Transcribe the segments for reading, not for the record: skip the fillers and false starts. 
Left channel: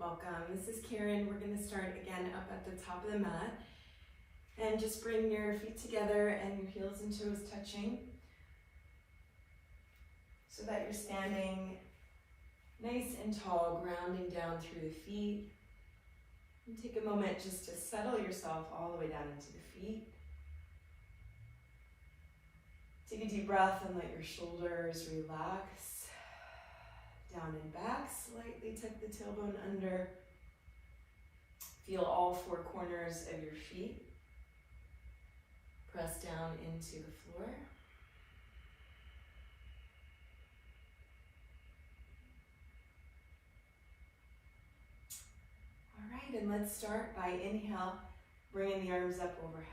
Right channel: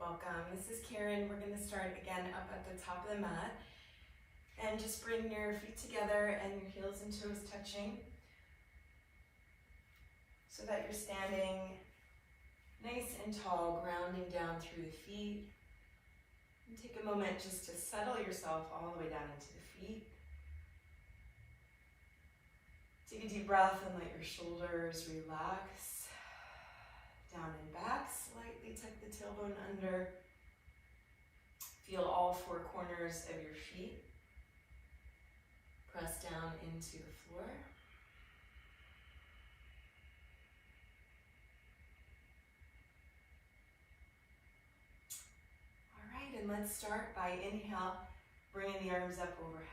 Welcome. This is Karen. We're going to start again up at the top of the mat. And just bring your feet together and your heels and toes touching so that you're standing nice and tall, grounding down through the feet. And take a moment just to settle yourself all the way down into the feet. Take a deep breath and let your shoulders relax. Down and back, slightly tuck the tailbone under. Feel all four corners of your feet. Press down into the floor. All right, and let's start by inhale, bringing the arms up overhead.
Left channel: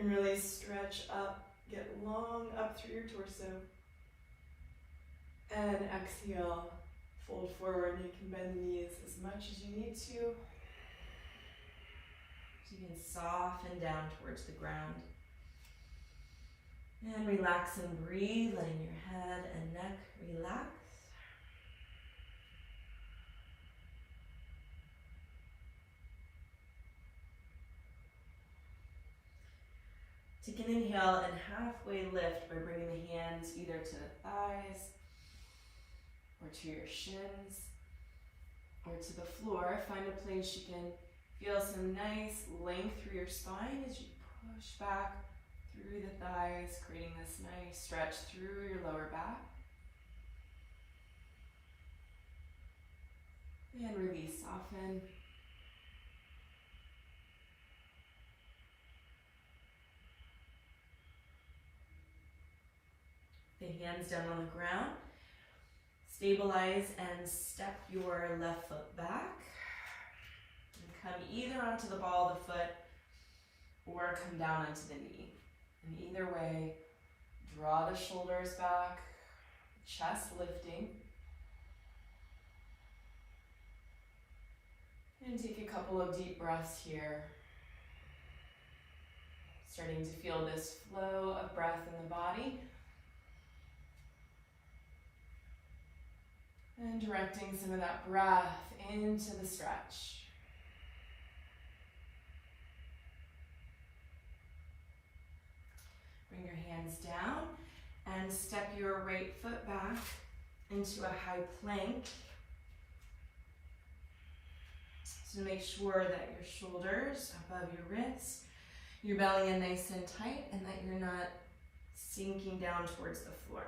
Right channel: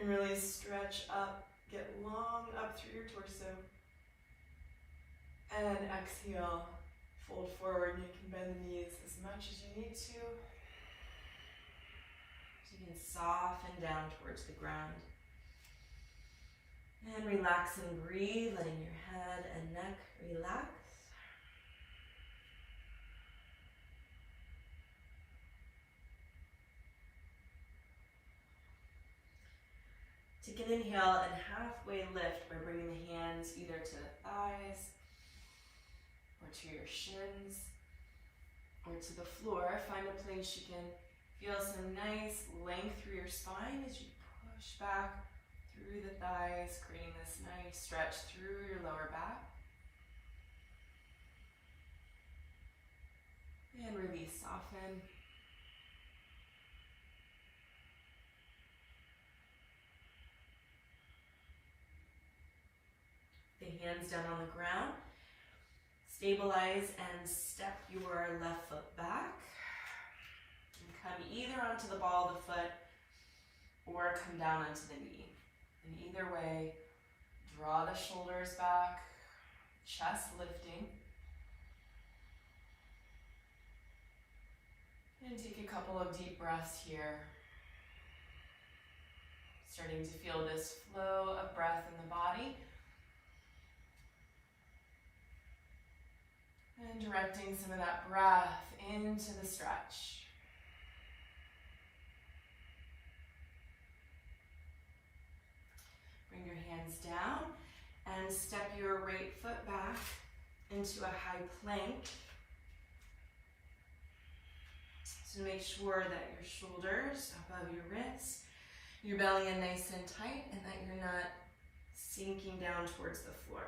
And really stretch up, get long up through your torso. And exhale, fold forward. You can bend the knees as much as you need to. You can soften down towards the ground. And relax and breathe, letting your head and neck relax. Take an inhale and halfway lift by bringing the hands either to the thighs or to your shins or to the floor. Find a place you can feel some nice length through your spine as you push back through the thighs, creating this nice stretch through your lower back. And release, soften. The hands down on the ground. Stabilize and step your left foot back. Come either onto the ball of the foot or come down onto the knee. And either way, draw the shoulders back, chest lifting. And take a couple of deep breaths here. Starting to feel this flow of breath in the body. And directing some of that breath into the stretch. Bring your hands down and step your right foot back into a high plank. So make sure that your shoulders above your wrists, your belly in nice and tight, and that you're not sinking down towards the floor.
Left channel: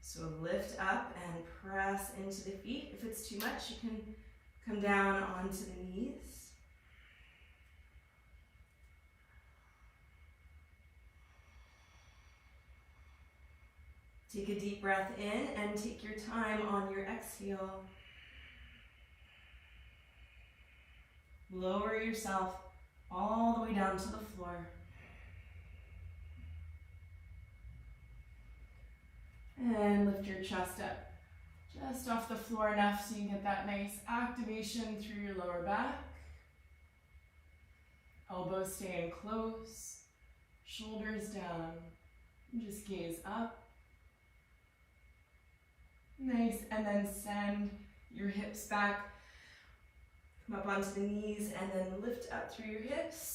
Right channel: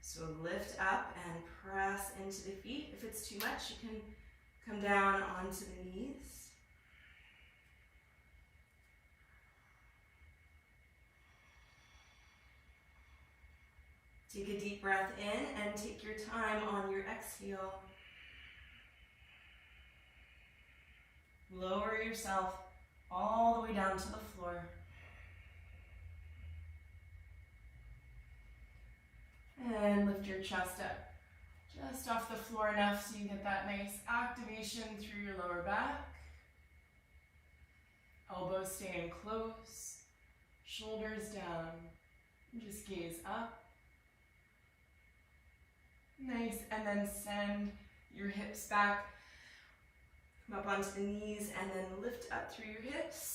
So lift up and press into the feet. If it's too much, you can come down onto the knees. Take a deep breath in and take your time on your exhale. Lower yourself all the way down to the floor. And lift your chest up just off the floor enough so you get that nice activation through your lower back. Elbows staying close, shoulders down, and just gaze up. Nice, and then send your hips back, come up onto the knees, and then lift up through your hips.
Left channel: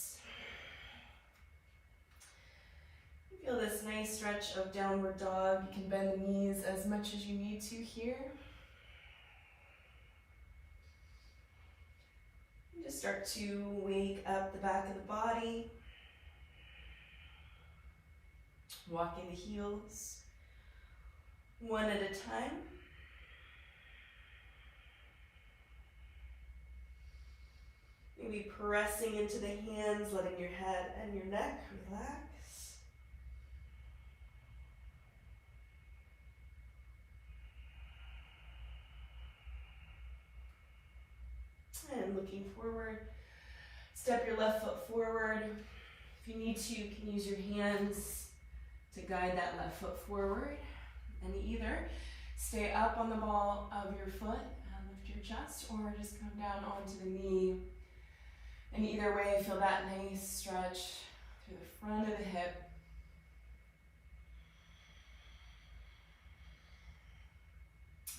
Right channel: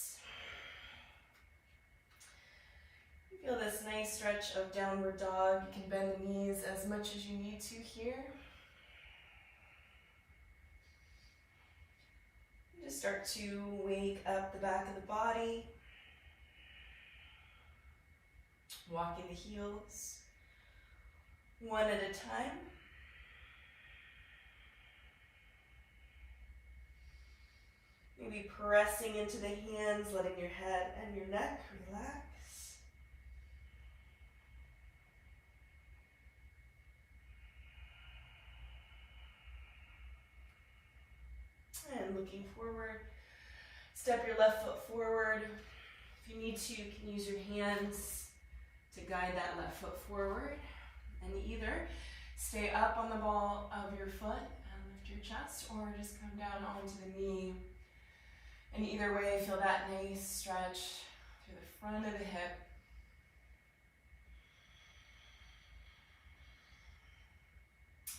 Feel this nice stretch of downward dog. You can bend the knees as much as you need to here. Just start to wake up the back of the body. Walking the heels one at a time. Maybe pressing into the hands, letting your head and your neck relax. And looking forward, step your left foot forward. If you need to, you can use your hands to guide that left foot forward. And either stay up on the ball of your foot and lift your chest, or just come down onto the knee. And either way, feel that nice stretch through the front of the hip.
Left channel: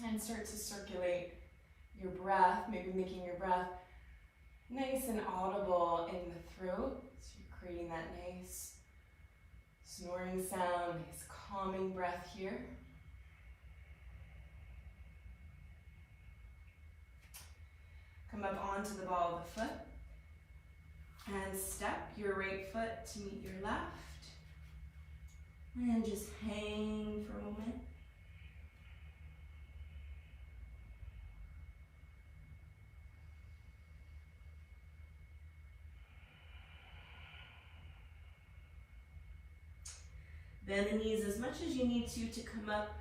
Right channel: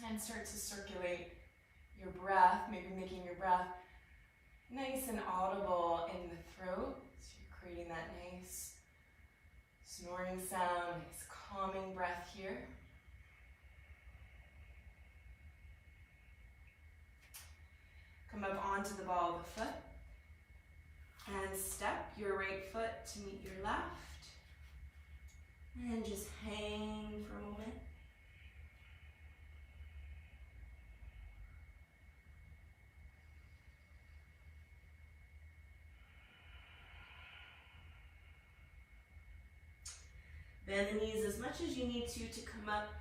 And start to circulate your breath, maybe making your breath nice and audible in the throat. So you're creating that nice snoring sound, nice calming breath here. Come up onto the ball of the foot and step your right foot to meet your left. And just hang for a moment. Bend the knees as much as you need to come up.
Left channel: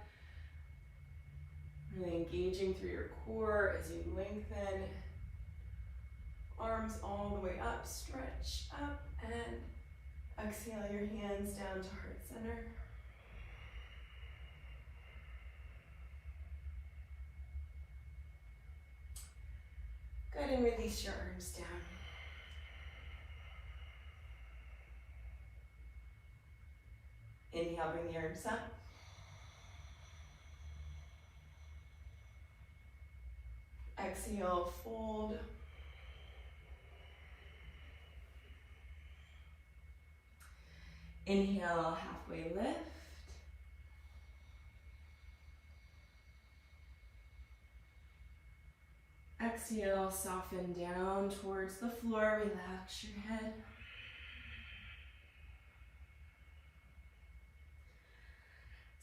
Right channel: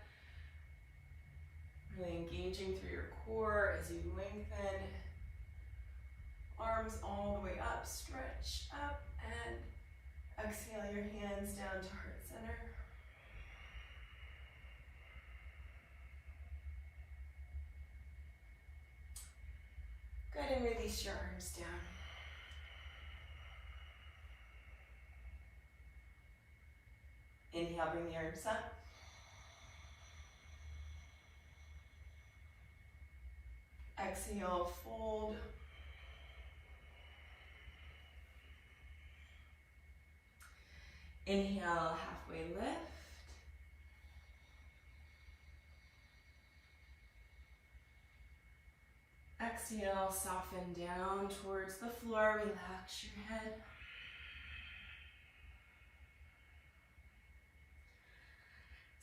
Really engaging through your core as you lengthen. Arms all the way up, stretch up, and exhale your hands down to heart center. Good, and release your arms down. Inhale, bring the arms up. Exhale, fold. Inhale, halfway lift. Exhale, soften down towards the floor, relax your head.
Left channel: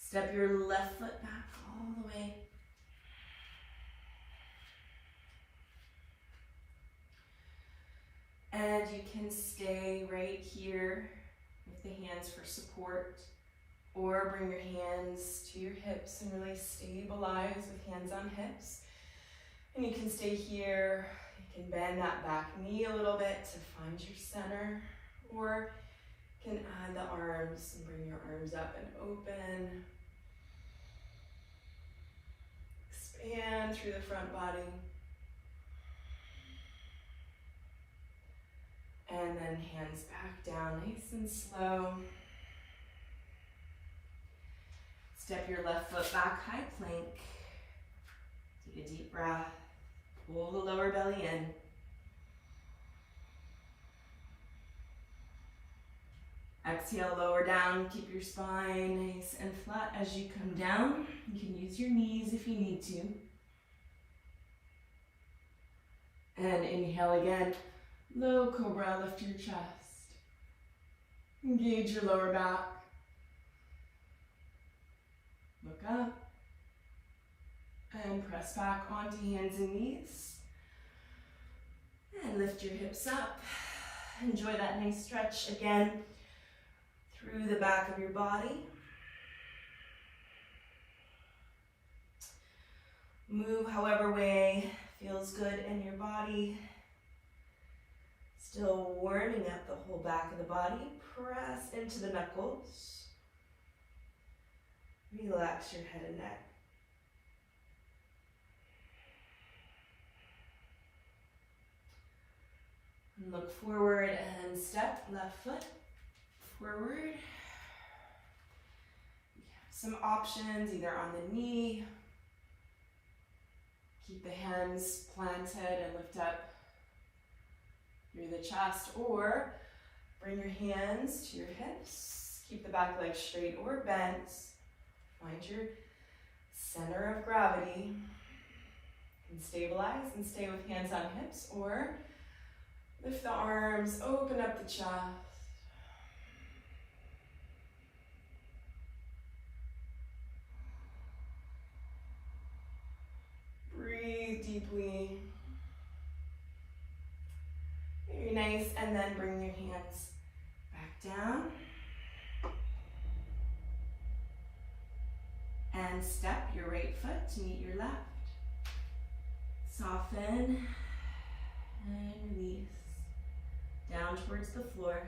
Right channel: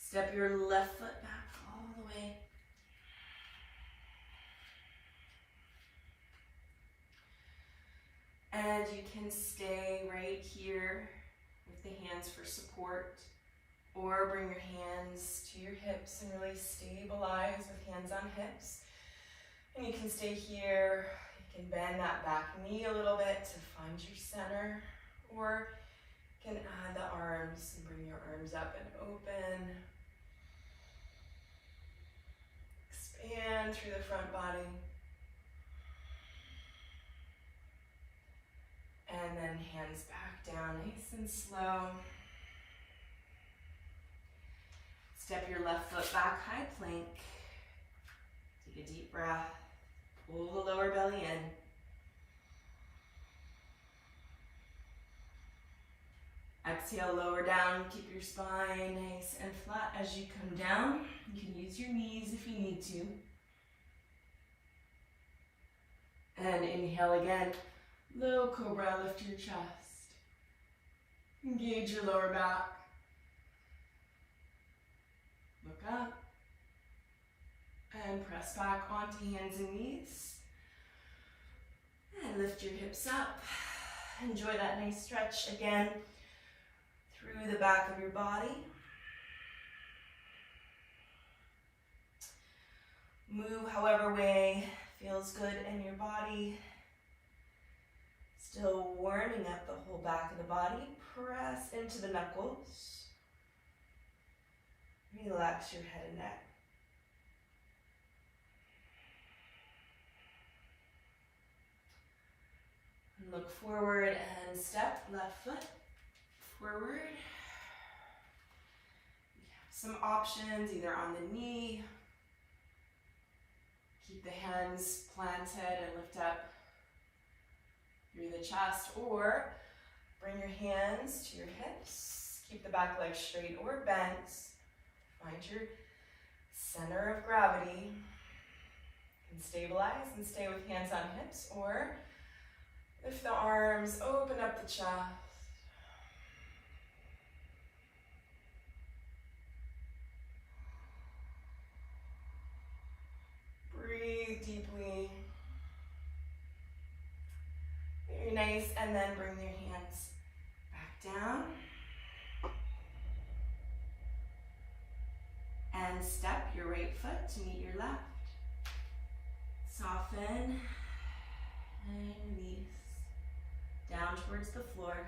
Step your left foot back all the way. And you can stay right here with the hands for support, or bring your hands to your hips and really stabilize with hands on hips. And you can stay here. You can bend that back knee a little bit to find your center, or you can add the arms and bring your arms up and open. Expand through the front body. And then hands back down, nice and slow. Step your left foot back, high plank. Take a deep breath. Pull the lower belly in. Exhale, lower down. Keep your spine nice and flat as you come down. You can use your knees if you need to. And inhale again. Low cobra, lift your chest. Engage your lower back. Look up. And press back onto hands and knees. And lift your hips up. Enjoy that nice stretch again through the back of your body. Move however way feels good in your body. Still warming up the whole back of the body. Press into the knuckles. Relax your head and neck. And look forward and step left foot forward. You have some options either on the knee. Keep the hands planted and lift up through the chest, or bring your hands to your hips. Keep the back leg straight or bent. Find your center of gravity. And stabilize and stay with hands on hips, or lift the arms, open up the chest. Breathe deeply. Very nice, and then bring your hands back down. And step your right foot to meet your left. Soften and release. Down towards the floor.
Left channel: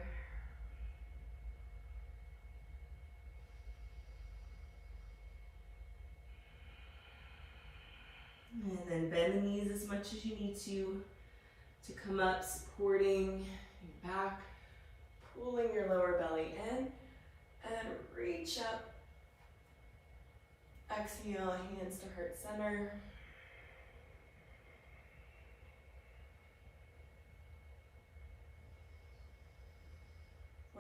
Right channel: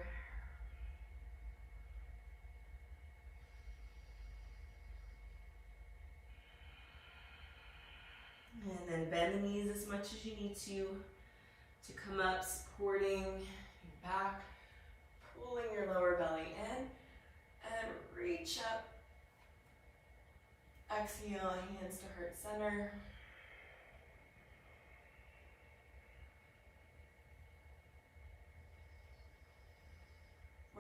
And then bend the knees as much as you need to come up, supporting your back, pulling your lower belly in, and reach up. Exhale, hands to heart center.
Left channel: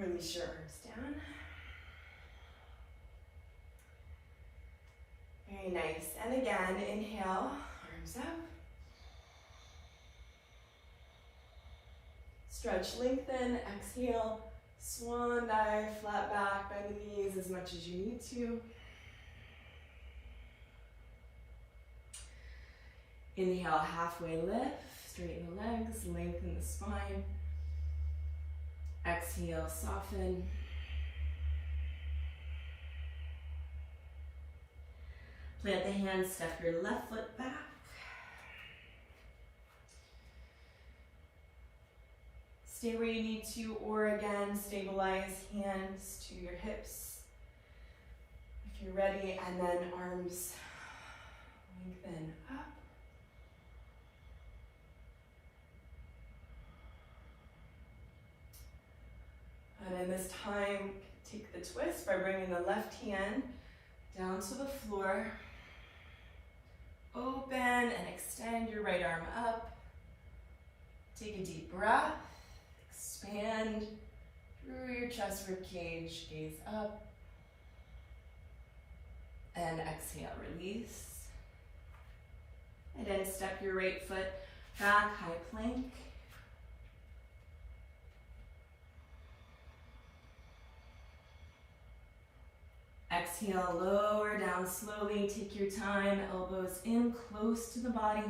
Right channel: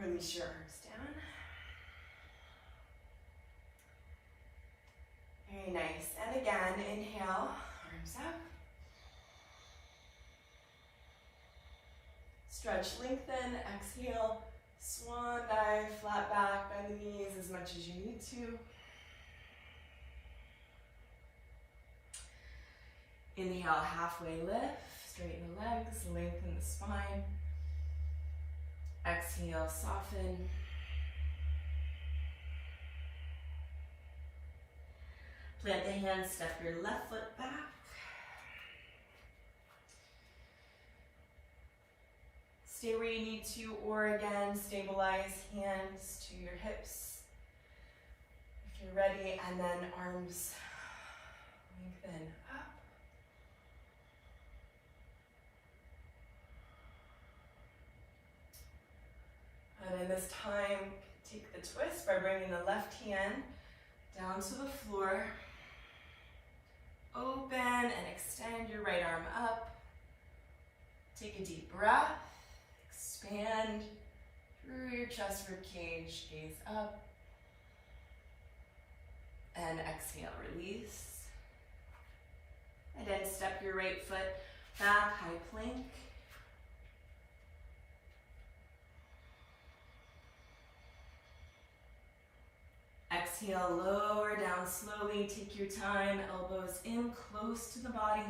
Release your arms down. Very nice. And again, inhale, arms up. Stretch, lengthen, exhale, swan dive, flat back, bend the knees as much as you need to. Inhale, halfway lift, straighten the legs, lengthen the spine. Exhale, soften. Plant the hands, step your left foot back. Stay where you need to, or again, stabilize hands to your hips if you're ready, and then arms lengthen up. And then this time, take the twist by bringing the left hand down to the floor. Open and extend your right arm up. Take a deep breath. Expand through your chest rib cage. Gaze up. And exhale, release. And then step your right foot back, high plank. Exhale, lower down slowly. Take your time, elbows in close to the body.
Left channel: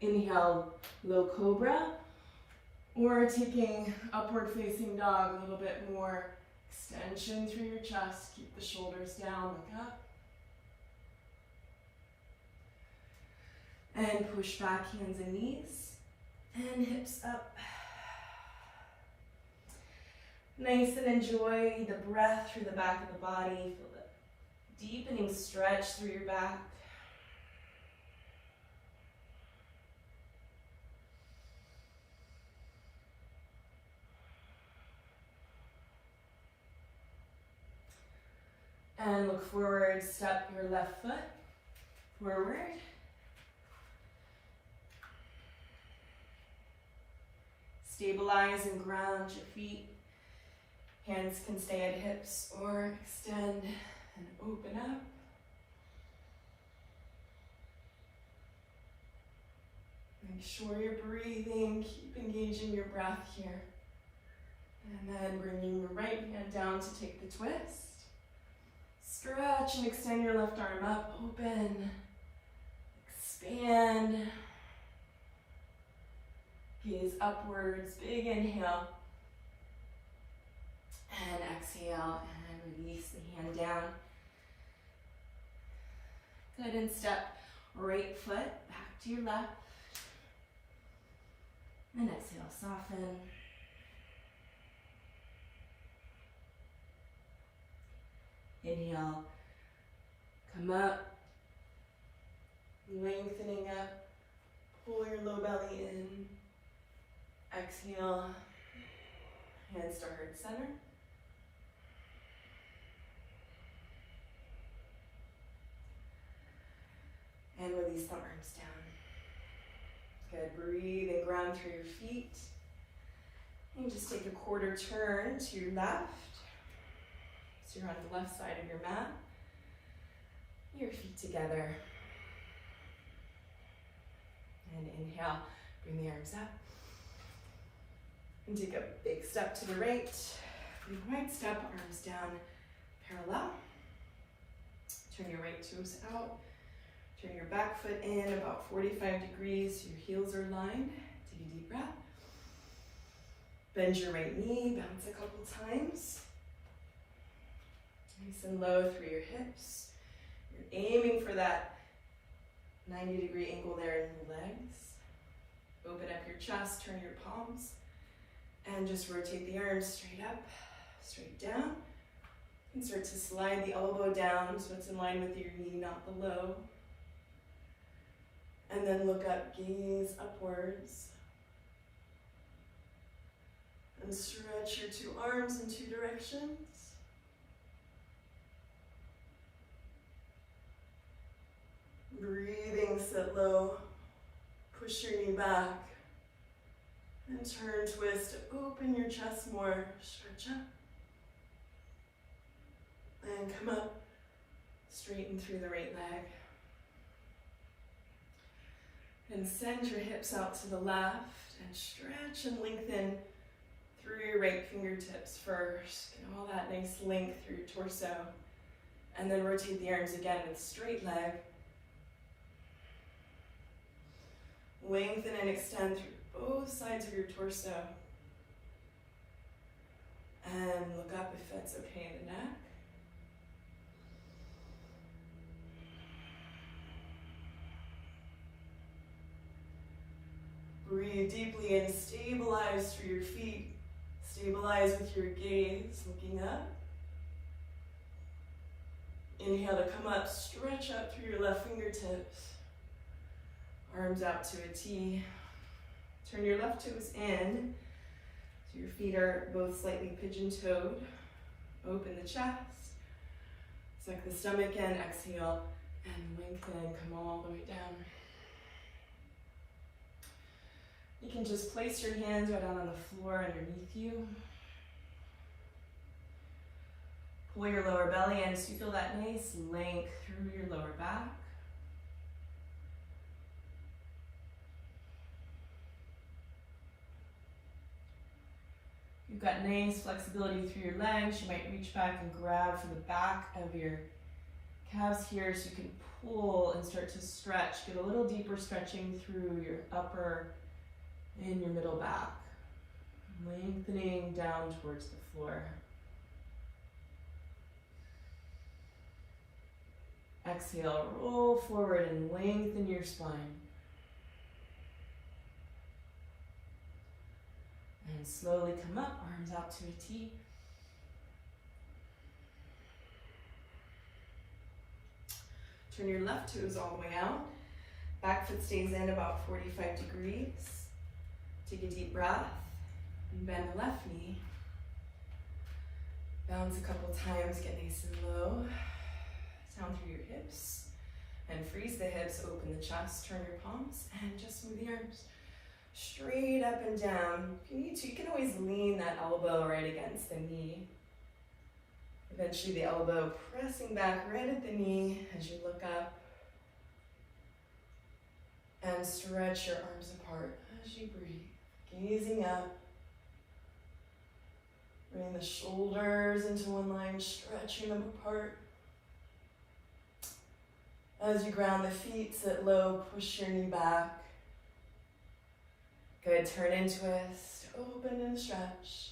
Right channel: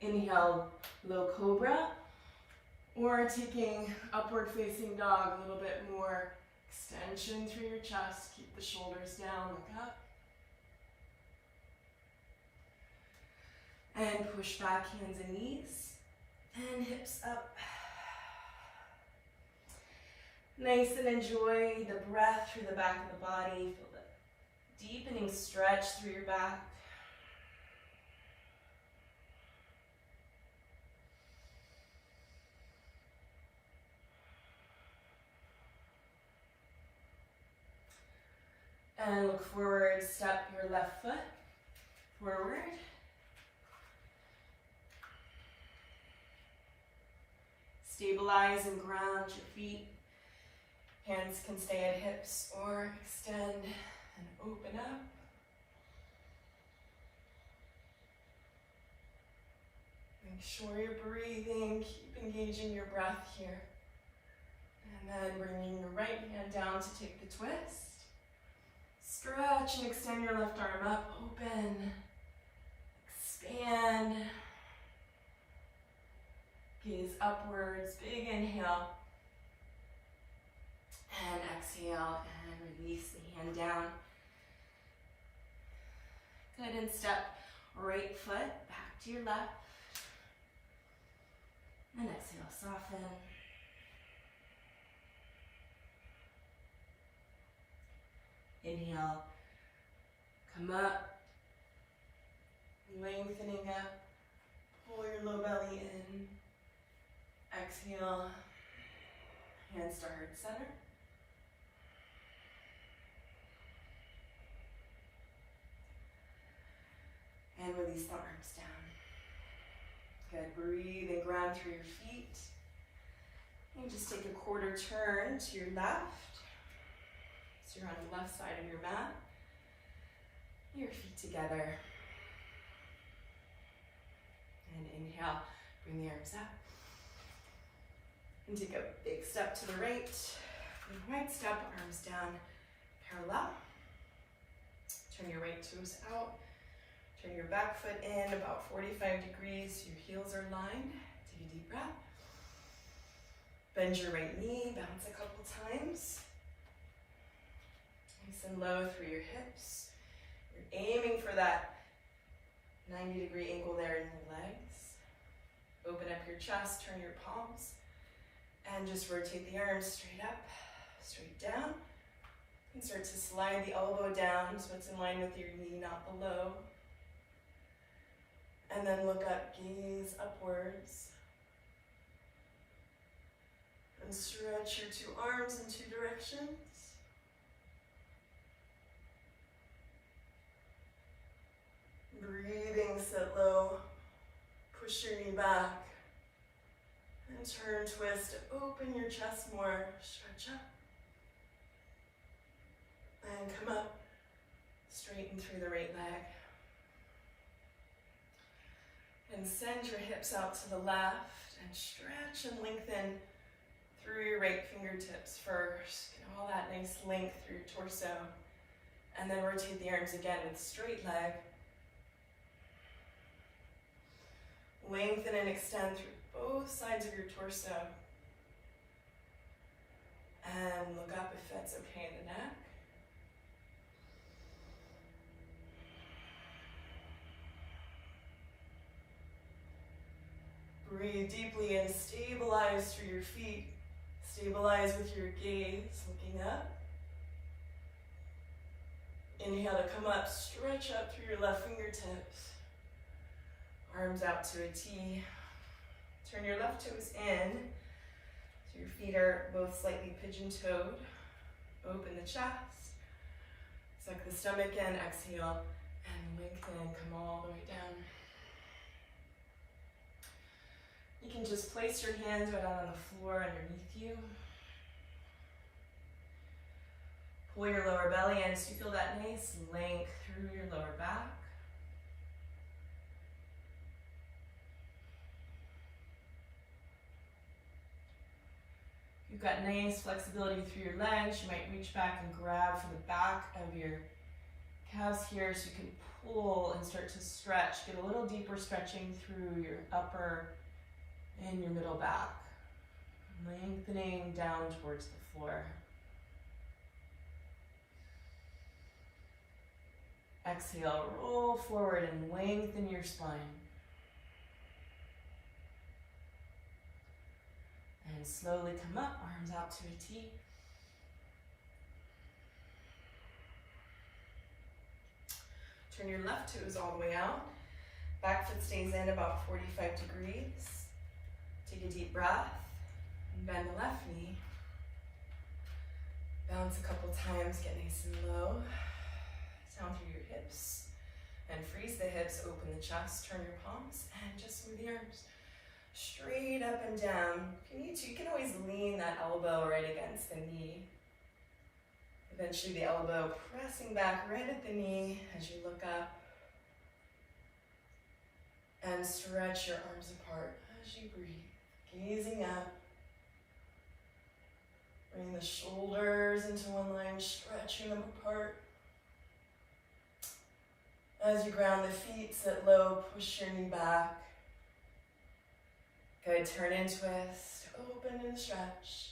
Inhale, low cobra, or taking upward facing dog, a little bit more extension through your chest. Keep the shoulders down, look up. And push back, hands and knees, and hips up. Nice, and enjoy the breath through the back of the body. Feel the deepening stretch through your back. And look forward, step your left foot forward. Stabilize and ground your feet. Hands can stay at hips or extend and open up. Make sure you're breathing, keep engaging your breath here. And then bringing your right hand down to take the twist. Stretch and extend your left arm up, open, expand. Gaze upwards, big inhale. And exhale, and release the hand down. Good, and step right foot back to your left. And exhale, soften. Inhale, come up, lengthening up, pull your low belly in. Exhale, hands to heart center. And release the arms down. Good, breathe and ground through your feet. And just take a quarter turn to your left. So you're on the left side of your mat. Your feet together. And inhale, bring the arms up. And take a big step to the right. Big right step, arms down, parallel. Turn your right toes out. Turn your back foot in about 45 degrees. Your heels are lined. Take a deep breath. Bend your right knee, bounce a couple times. Nice and low through your hips. You're aiming for that 90-degree angle there in your legs. Open up your chest, turn your palms, and just rotate the arms straight up, straight down. And start to slide the elbow down so it's in line with your knee, not below. And then look up, gaze upwards. And stretch your two arms in two directions. Breathing, sit low. Push your knee back. And And turn, twist, open your chest more, stretch up. And come up, straighten through the right leg. And send your hips out to the left and stretch and lengthen through your right fingertips first. Get all that nice length through your torso. And then rotate the arms again with straight leg. Lengthen and extend through both sides of your torso. And look up if that's okay in the neck. Breathe deeply and stabilize through your feet. Stabilize with your gaze, looking up. Inhale to come up, stretch up through your left fingertips. Arms out to a T. Turn your left toes in, so your feet are both slightly pigeon-toed. Open the chest. Suck the stomach in, exhale, and lengthen, come all the way down. You can just place your hands right out on the floor underneath you. Pull your lower belly in so you feel that nice length through your lower back. You've got nice flexibility through your legs. You might reach back and grab for the back of your calves here so you can pull and start to stretch. Get a little deeper stretching through your upper and your middle back. Lengthening down towards the floor. Exhale, roll forward and lengthen your spine. And slowly come up, arms out to a T. Turn your left toes all the way out. Back foot stays in about 45 degrees. Take a deep breath and bend the left knee. Bounce a couple times, get nice and low. Down through your hips and freeze the hips, open the chest, turn your palms and just move the arms straight up and down. If you need to, you can always lean that elbow right against the knee. Eventually the elbow pressing back right at the knee as you look up. And stretch your arms apart as you breathe, gazing up. Bring the shoulders into one line, stretching them apart. As you ground the feet, sit low, push your knee back. Good, turn and twist, open and stretch.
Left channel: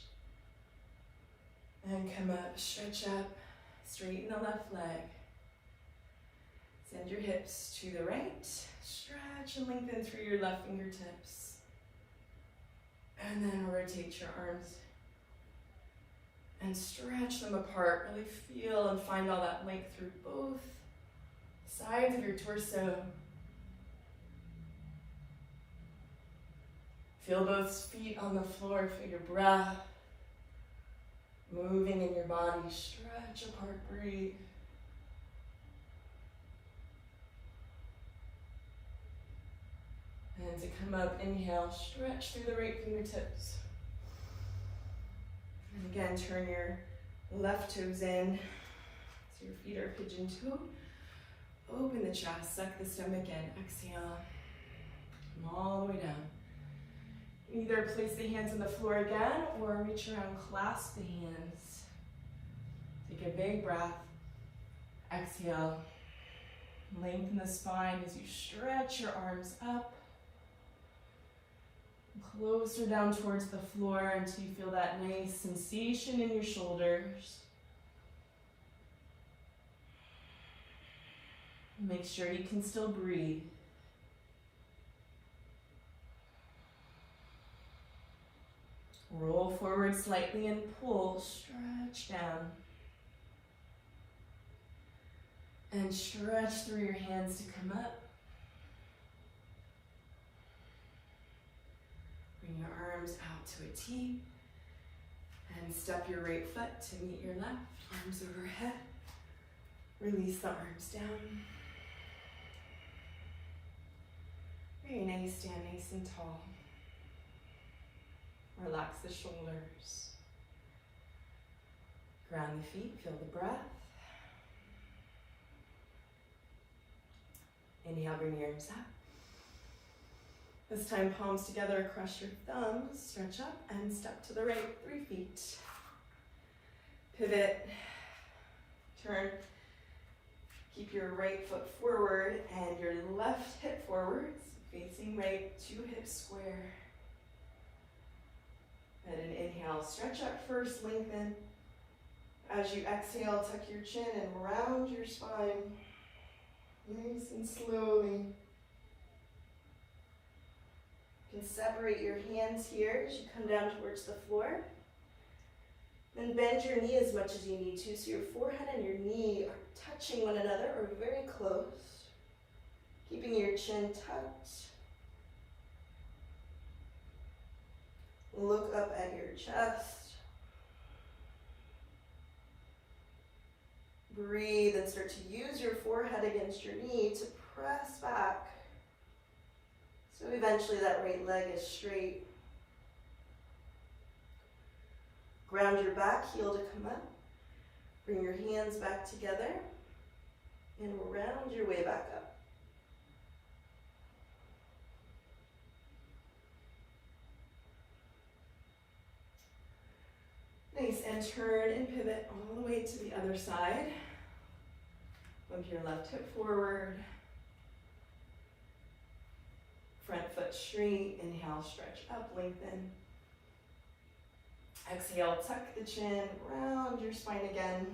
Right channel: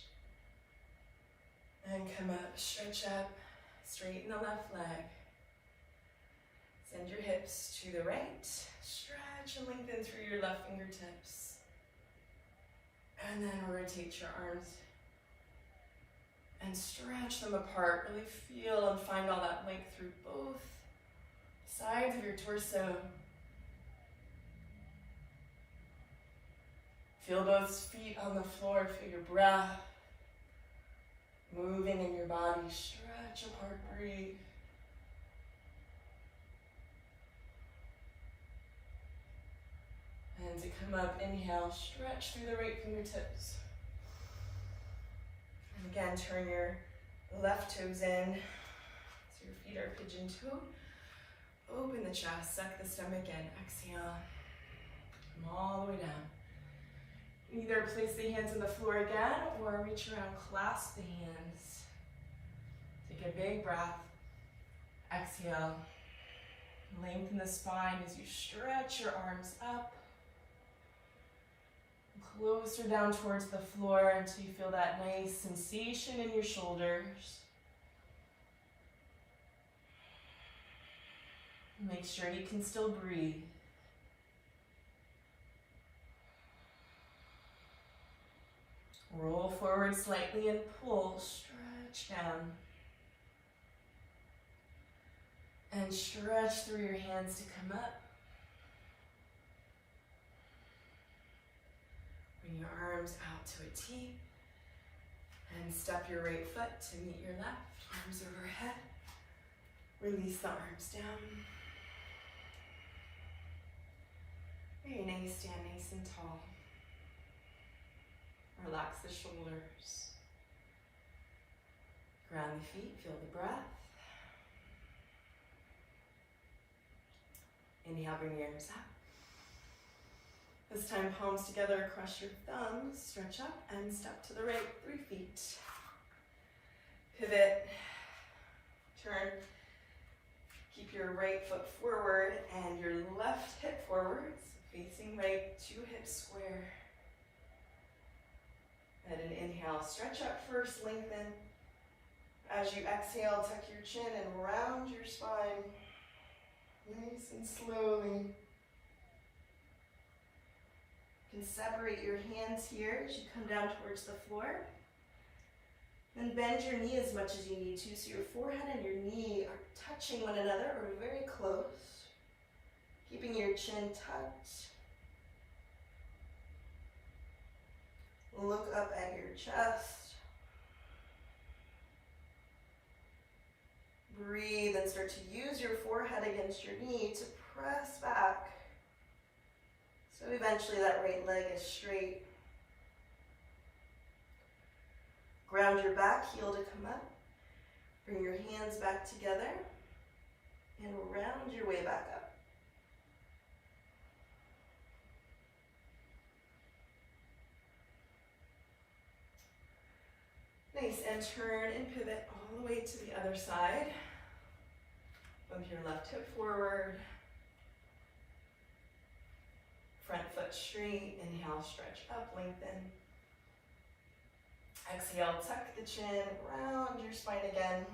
And come up, stretch up, straighten the left leg. Send your hips to the right, stretch and lengthen through your left fingertips. And then rotate your arms and stretch them apart. Really feel and find all that length through both sides of your torso. Feel both feet on the floor, feel your breath moving in your body. Stretch apart, breathe. And to come up, inhale, stretch through the right fingertips. And again, turn your left toes in so your feet are pigeon-toed. Open the chest, suck the stomach in, exhale, come all the way down. Either place the hands on the floor again or reach around, clasp the hands. Take a big breath, exhale, lengthen the spine as you stretch your arms up. Closer down towards the floor until you feel that nice sensation in your shoulders. Make sure you can still breathe. Roll forward slightly and pull, stretch down. And stretch through your hands to come up. Bring your arms out to a T. And step your right foot to meet your left. Arms overhead. Release the arms down. Very nice, stand nice and tall. Relax the shoulders. Ground the feet, feel the breath. Inhale, bring your arms up. This time, palms together, cross your thumbs, stretch up and step to the right, 3 feet. Pivot, turn, keep your right foot forward and your left hip forward, facing right, 2 hips square. And an inhale, stretch up first, lengthen. As you exhale, tuck your chin and round your spine, nice and slowly. You can separate your hands here as you come down towards the floor. Then bend your knee as much as you need to, so your forehead and your knee are touching one another or very close. Keeping your chin tucked. Look up at your chest. Breathe and start to use your forehead against your knee to press back. So eventually that right leg is straight. Ground your back heel to come up. Bring your hands back together and round your way back up. Nice, and turn and pivot all the way to the other side. Bump your left hip forward. Front foot straight. Inhale, stretch up, lengthen. Exhale, tuck the chin, round your spine again.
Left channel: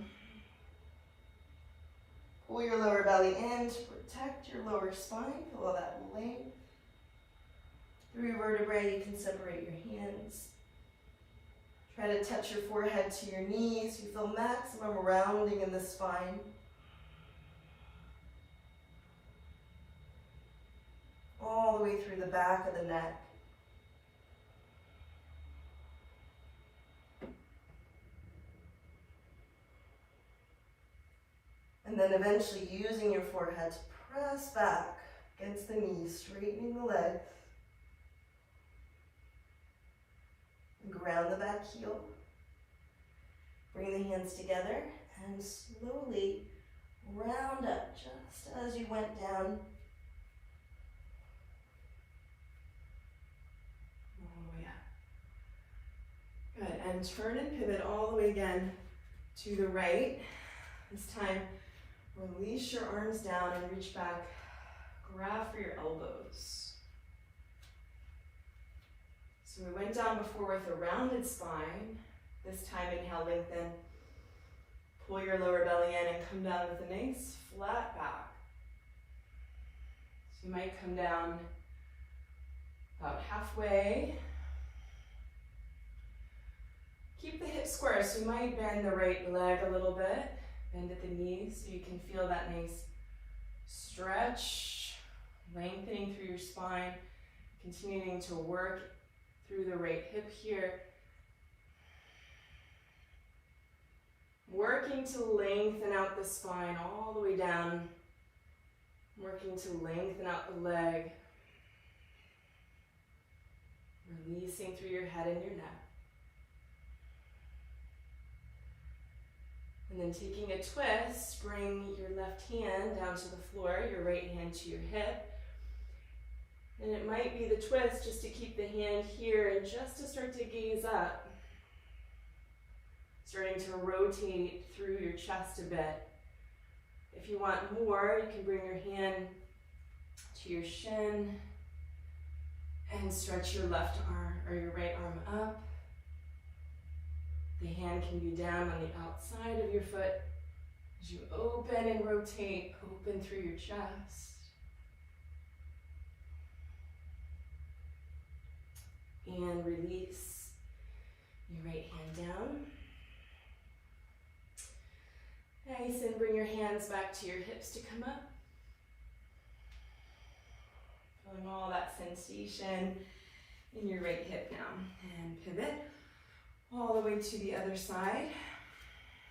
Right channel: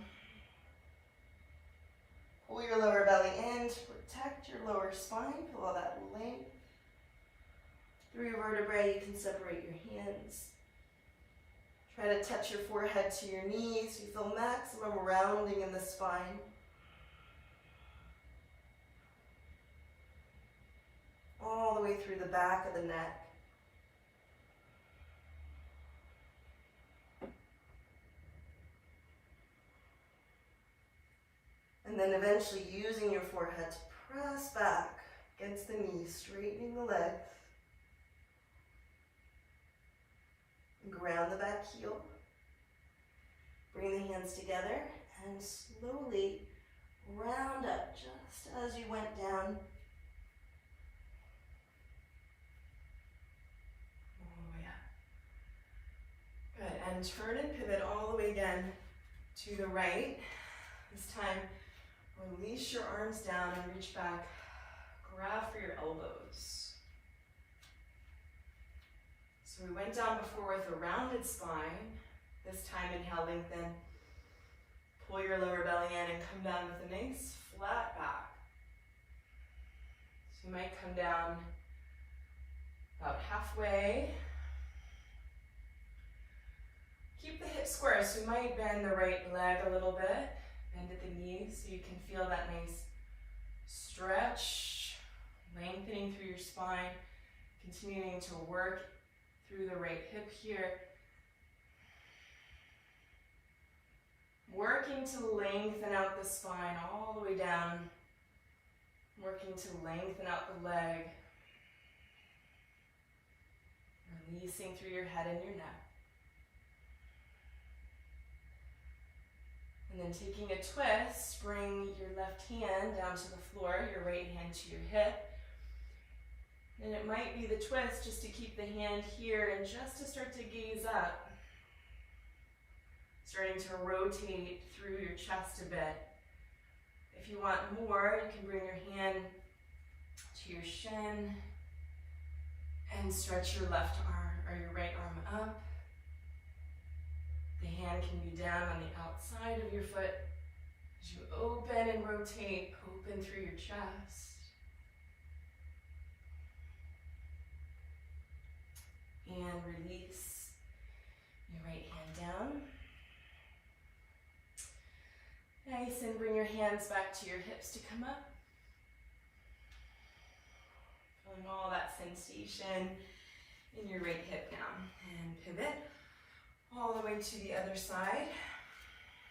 Pull your lower belly in to protect your lower spine. Feel all that length. Through vertebrae, you can separate your hands. Try to touch your forehead to your knees so you feel maximum rounding in the spine. All the way through the back of the neck. And then eventually using your forehead to press back against the knees, straightening the legs. Ground the back heel. Bring the hands together and slowly round up just as you went down. All the way up. Good, and turn and pivot all the way again to the right. This time, release your arms down and reach back. Grab for your elbows. So we went down before with a rounded spine. This time, inhale, lengthen. Pull your lower belly in and come down with a nice flat back. So you might come down about halfway. Keep the hips square, so you might bend the right leg a little bit. Bend at the knees so you can feel that nice stretch, lengthening through your spine, continuing to work through the right hip here. Working to lengthen out the spine all the way down. Working to lengthen out the leg. Releasing through your head and your neck. And then taking a twist, bring your left hand down to the floor, your right hand to your hip. And it might be the twist just to keep the hand here and just to start to gaze up. Starting to rotate through your chest a bit. If you want more, you can bring your hand to your shin and stretch your left arm or your right arm up. The hand can be down on the outside of your foot as you open and rotate, open through your chest. And release your right hand down. Nice, and bring your hands back to your hips to come up. Feeling all that sensation in your right hip now. And pivot all the way to the other side.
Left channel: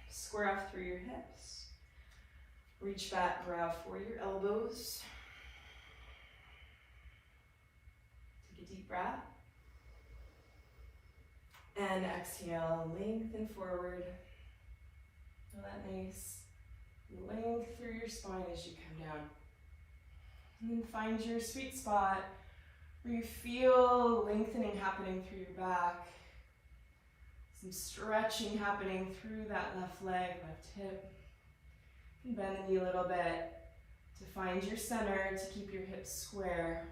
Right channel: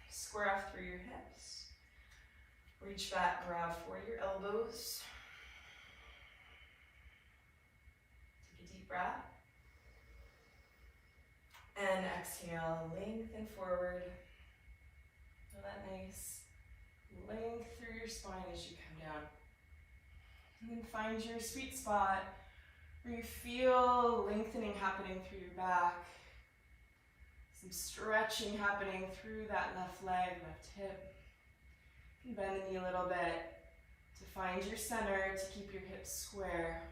Square off through your hips. Reach back, grab for your elbows. Take a deep breath. And exhale, lengthen forward. Feel that nice length through your spine as you come down. And then find your sweet spot where you feel lengthening happening through your back. Some stretching happening through that left leg, left hip. And bend the knee a little bit to find your center, to keep your hips square.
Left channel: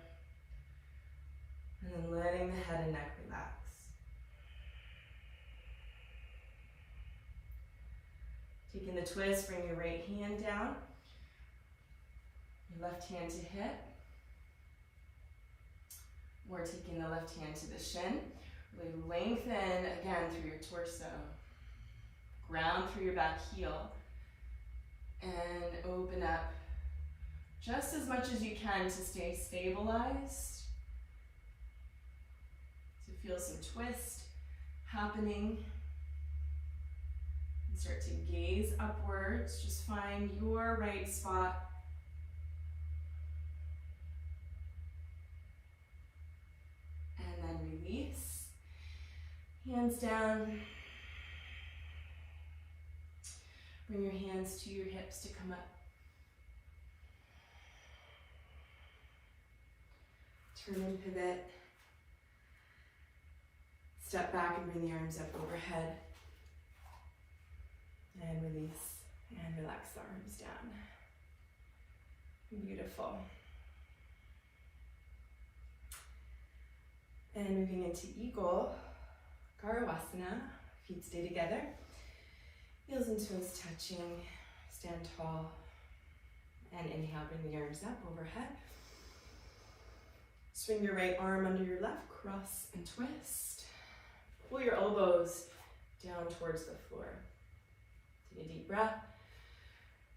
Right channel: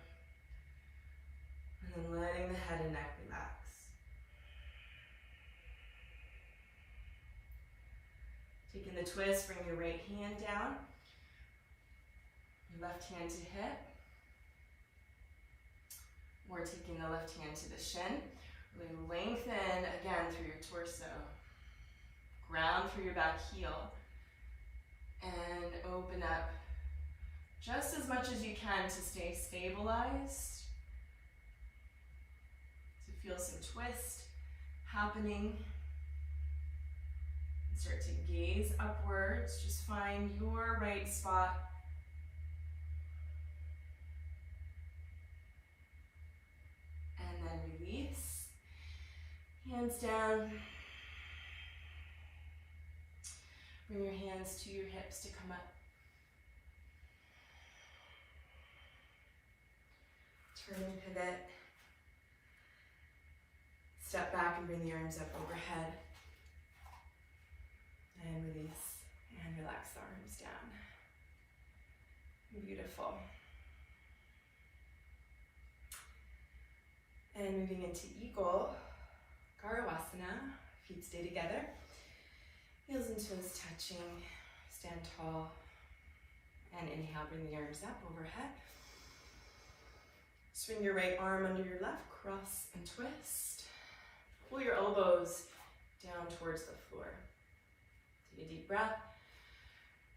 And then letting the head and neck relax. Taking the twist, bring your right hand down. Your left hand to hip. We're taking the left hand to the shin. Really lengthen again through your torso. Ground through your back heel. And open up just as much as you can to stay stabilized. To feel some twist happening. And start to gaze upwards. Just find your right spot. And then release. Hands down. Bring your hands to your hips to come up. Turn and pivot. Step back and bring the arms up overhead. And release. And relax the arms down. Beautiful. And moving into Eagle, Garvasana. Feet stay together. Heels and toes touching. Stand tall. And inhale, bring the arms up overhead. Swing your right arm under your left, cross and twist. Pull your elbows down towards the floor. Take a deep breath.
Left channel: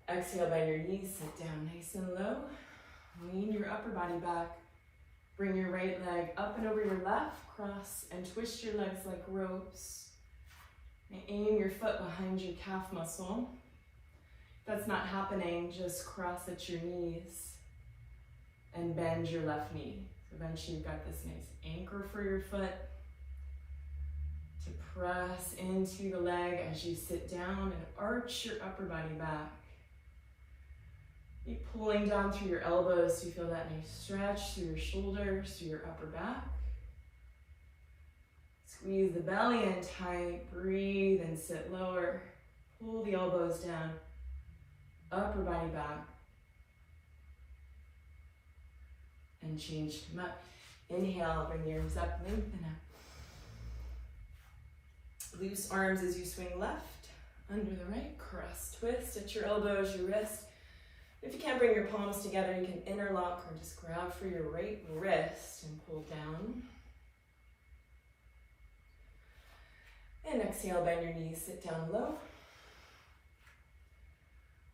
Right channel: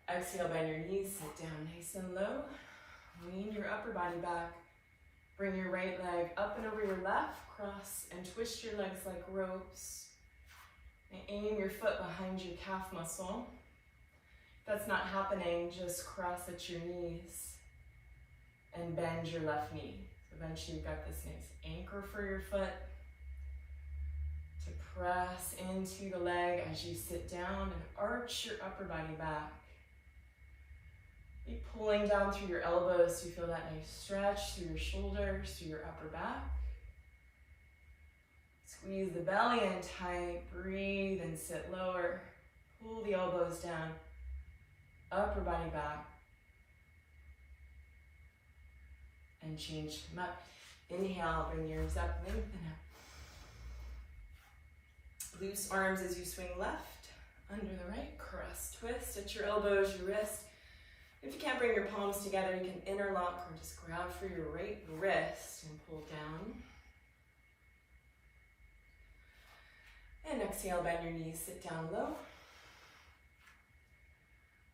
Exhale, bend your knees, sit down nice and low. Lean your upper body back. Bring your right leg up and over your left, cross and twist your legs like ropes. And aim your foot behind your calf muscle. If that's not happening, just cross at your knees and bend your left knee. So eventually you've got this nice anchor for your foot to press into the leg as you sit down and arch your upper body back. Keep pulling down through your elbows so you feel that nice stretch through your shoulders, through your upper back. Squeeze the belly in tight, breathe and sit lower. Pull the elbows down, upper body back. And change them up. Inhale, bring the arms up, lengthen up. Loose arms as you swing left, under the right, cross, twist at your elbows, your wrist. If you can't bring your palms together, you can interlock or just grab for your right wrist and pull down. And exhale, bend your knees, sit down low.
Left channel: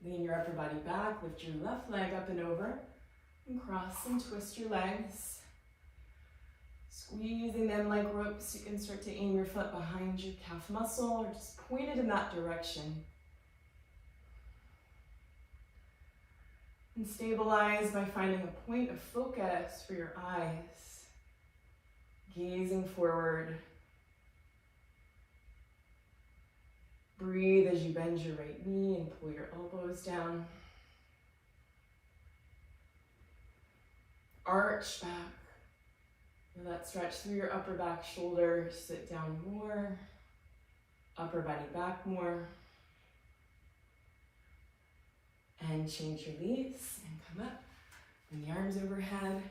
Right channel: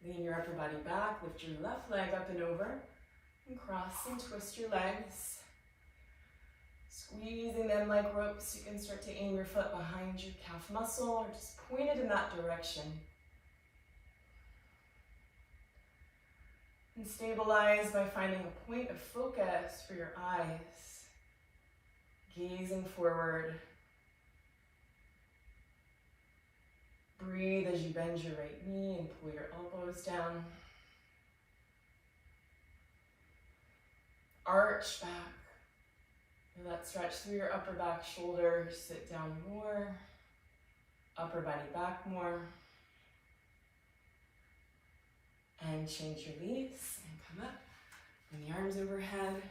Lean your upper body back, lift your left leg up and over, and cross and twist your legs. Squeezing them like ropes, you can start to aim your foot behind your calf muscle or just point it in that direction. And stabilize by finding a point of focus for your eyes. Gazing forward. Breathe as you bend your right knee and pull your elbows down. Arch back. Feel that stretch through your upper back, shoulders. Sit down more. Upper body back more. And change your knees and come up. Bring the arms overhead.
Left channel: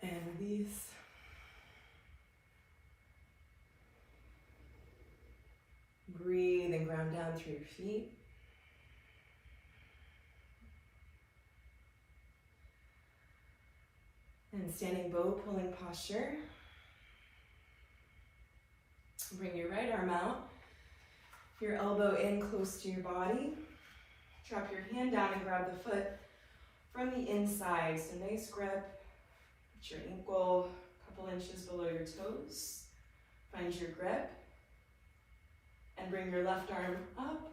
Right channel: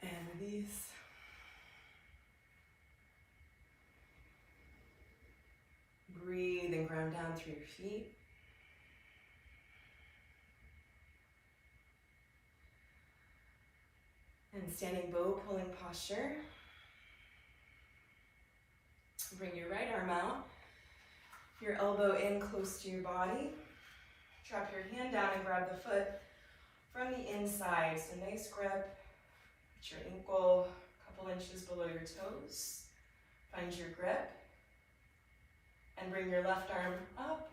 And release. Breathe and ground down through your feet. And standing bow pulling posture. Bring your right arm out. Your elbow in close to your body. Drop your hand down and grab the foot from the inside. So nice grip. Put your ankle a couple inches below your toes. Find your grip. And bring your left arm up.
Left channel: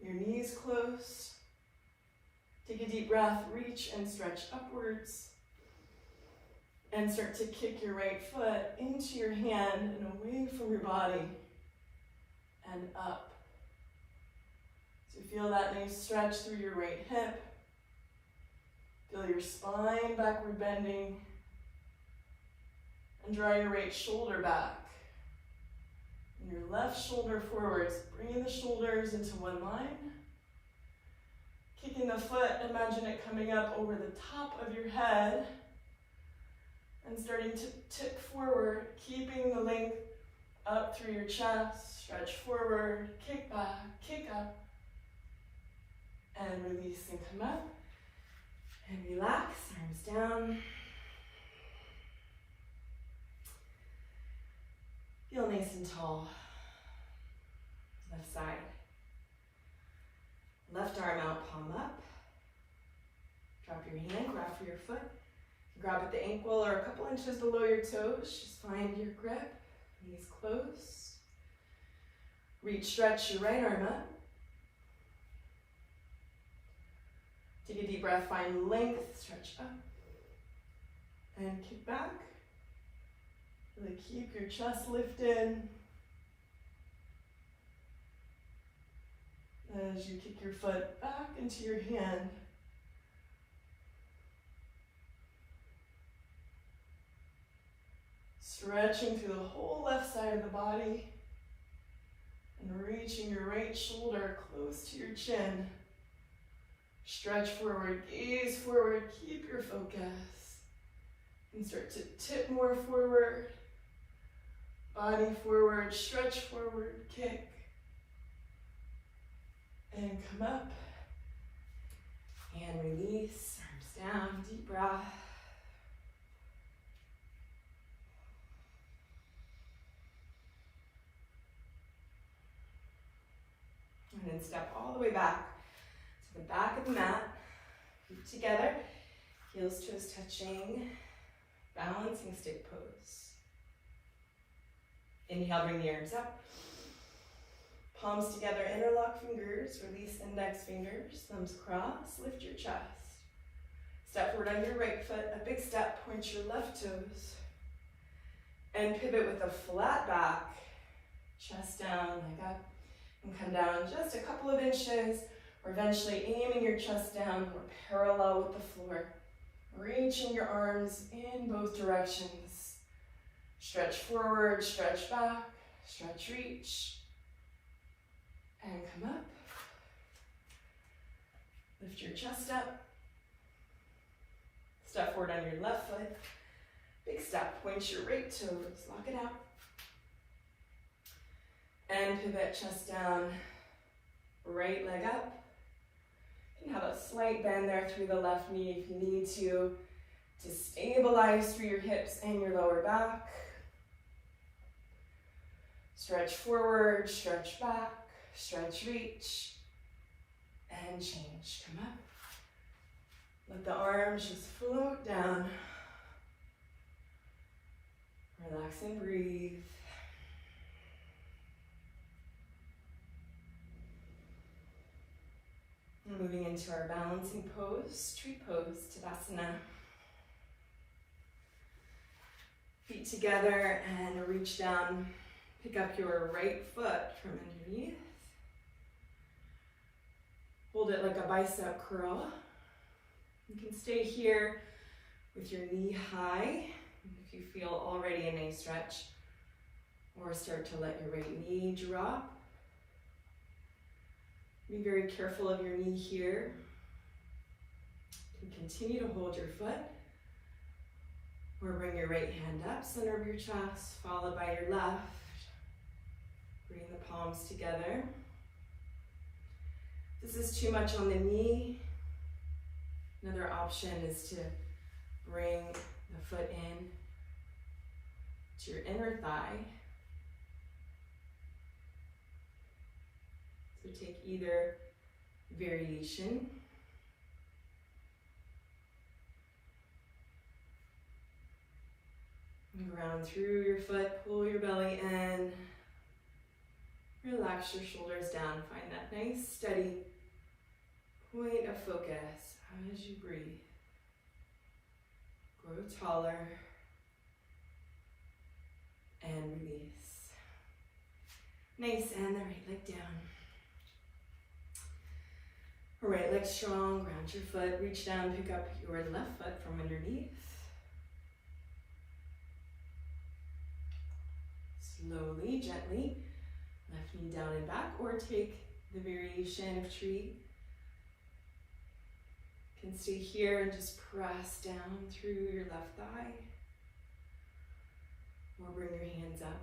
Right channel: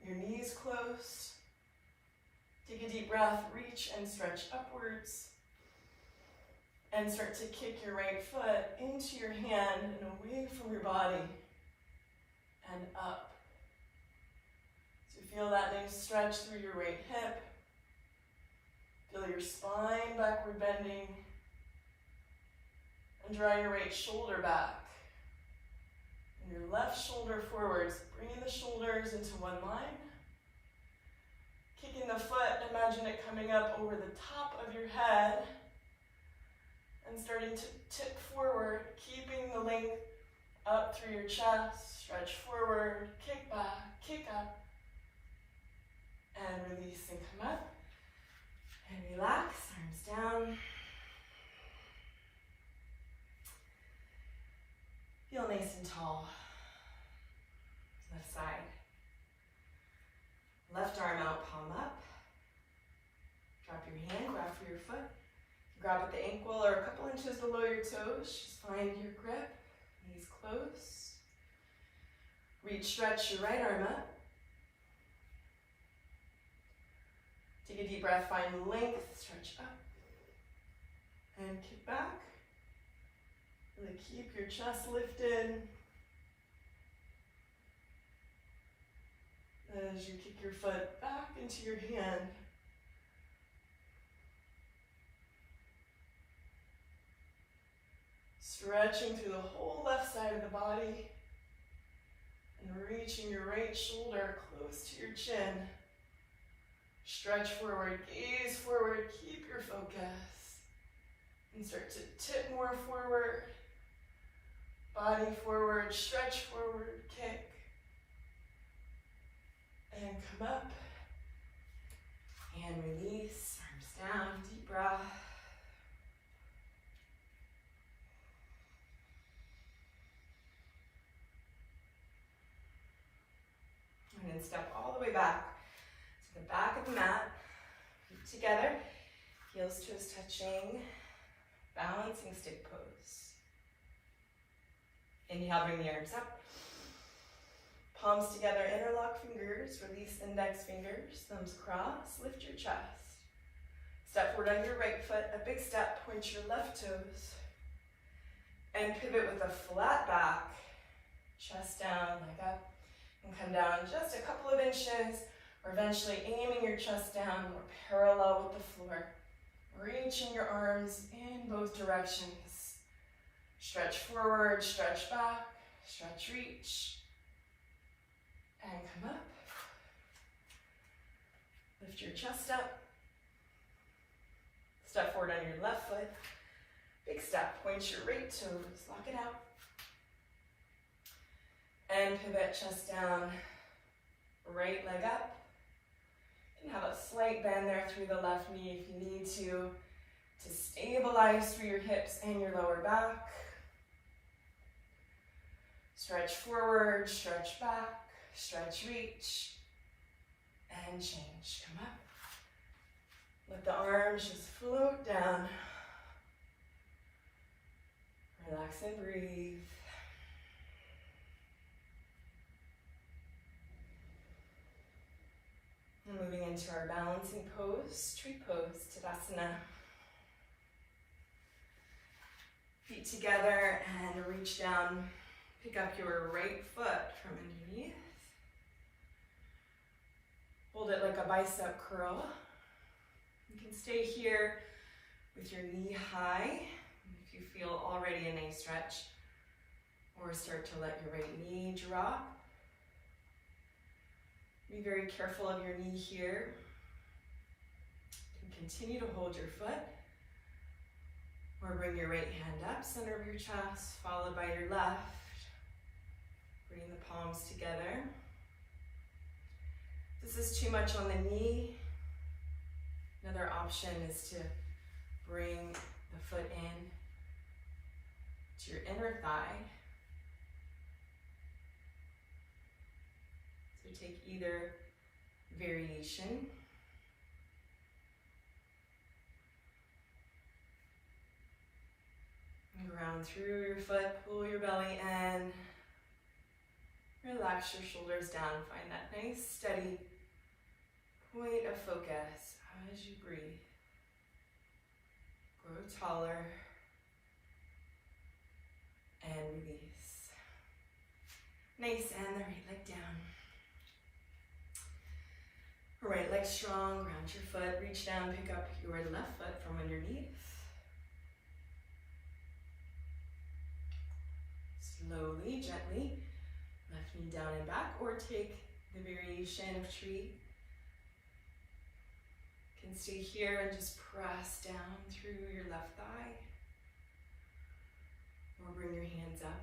Your knees close. Take a deep breath, reach and stretch upwards. And start to kick your right foot into your hand and away from your body and up. So feel that nice stretch through your right hip. Feel your spine backward bending. And draw your right shoulder back. And your left shoulder forwards. Bringing the shoulders into one line. Kicking the foot, imagine it coming up over the top of your head. And starting to tip forward, keeping the length up through your chest. Stretch forward, kick back, kick up. And release and come up. And relax, arms down. Feel nice and tall. Left side. Left arm out, palm up. Drop your hand, grab for your foot. Grab at the ankle or a couple inches below your toes. Just find your grip. Knees close. Reach, stretch your right arm up. Take a deep breath, find length, stretch up. And kick back. Really keep your chest lifted. As you kick your foot back into your hand. Stretching through the whole left side of the body and reaching your right shoulder close to your chin. Stretch forward, gaze forward, keep your focus. And start to tip more forward, body forward, stretch forward, kick. And come up and release, arms down, deep breath. And then step all the way back to the back of the mat. Feet together, heels, toes touching, balancing stick pose. Inhale, bring the arms up. Palms together, interlock fingers, release index fingers, thumbs cross, lift your chest. Step forward on your right foot, a big step, point your left toes. And pivot with a flat back, chest down, leg up. And come down just a couple of inches, or eventually aiming your chest down more parallel with the floor. Reaching your arms in both directions. Stretch forward, stretch back, stretch, reach. And come up. Lift your chest up. Step forward on your left foot. Big step, point your right toes, lock it out. And pivot, chest down, right leg up. And have a slight bend there through the left knee if you need to stabilize through your hips and your lower back. Stretch forward, stretch back, stretch, reach, and change. Come up. Let the arms just float down. Relax and breathe. And moving into our balancing pose, tree pose, Tadasana. Feet together and reach down. Pick up your right foot from underneath. Hold it like a bicep curl. You can stay here with your knee high if you feel already a nice stretch, or start to let your right knee drop. Be very careful of your knee here. You can continue to hold your foot, or bring your right hand up, center of your chest, followed by your left. Bring the palms together. If this is too much on the knee, another option is to bring the foot in to your inner thigh. So take either variation. Ground through your foot, pull your belly in. Relax your shoulders down. Find that nice, steady point of focus as you breathe. Grow taller. and release. Nice, and the right leg down. Right leg strong, ground your foot, reach down, pick up your left foot from underneath. Slowly, gently, left knee down and back, or take the variation of tree. You can stay here and just press down through your left thigh, or bring your hands up.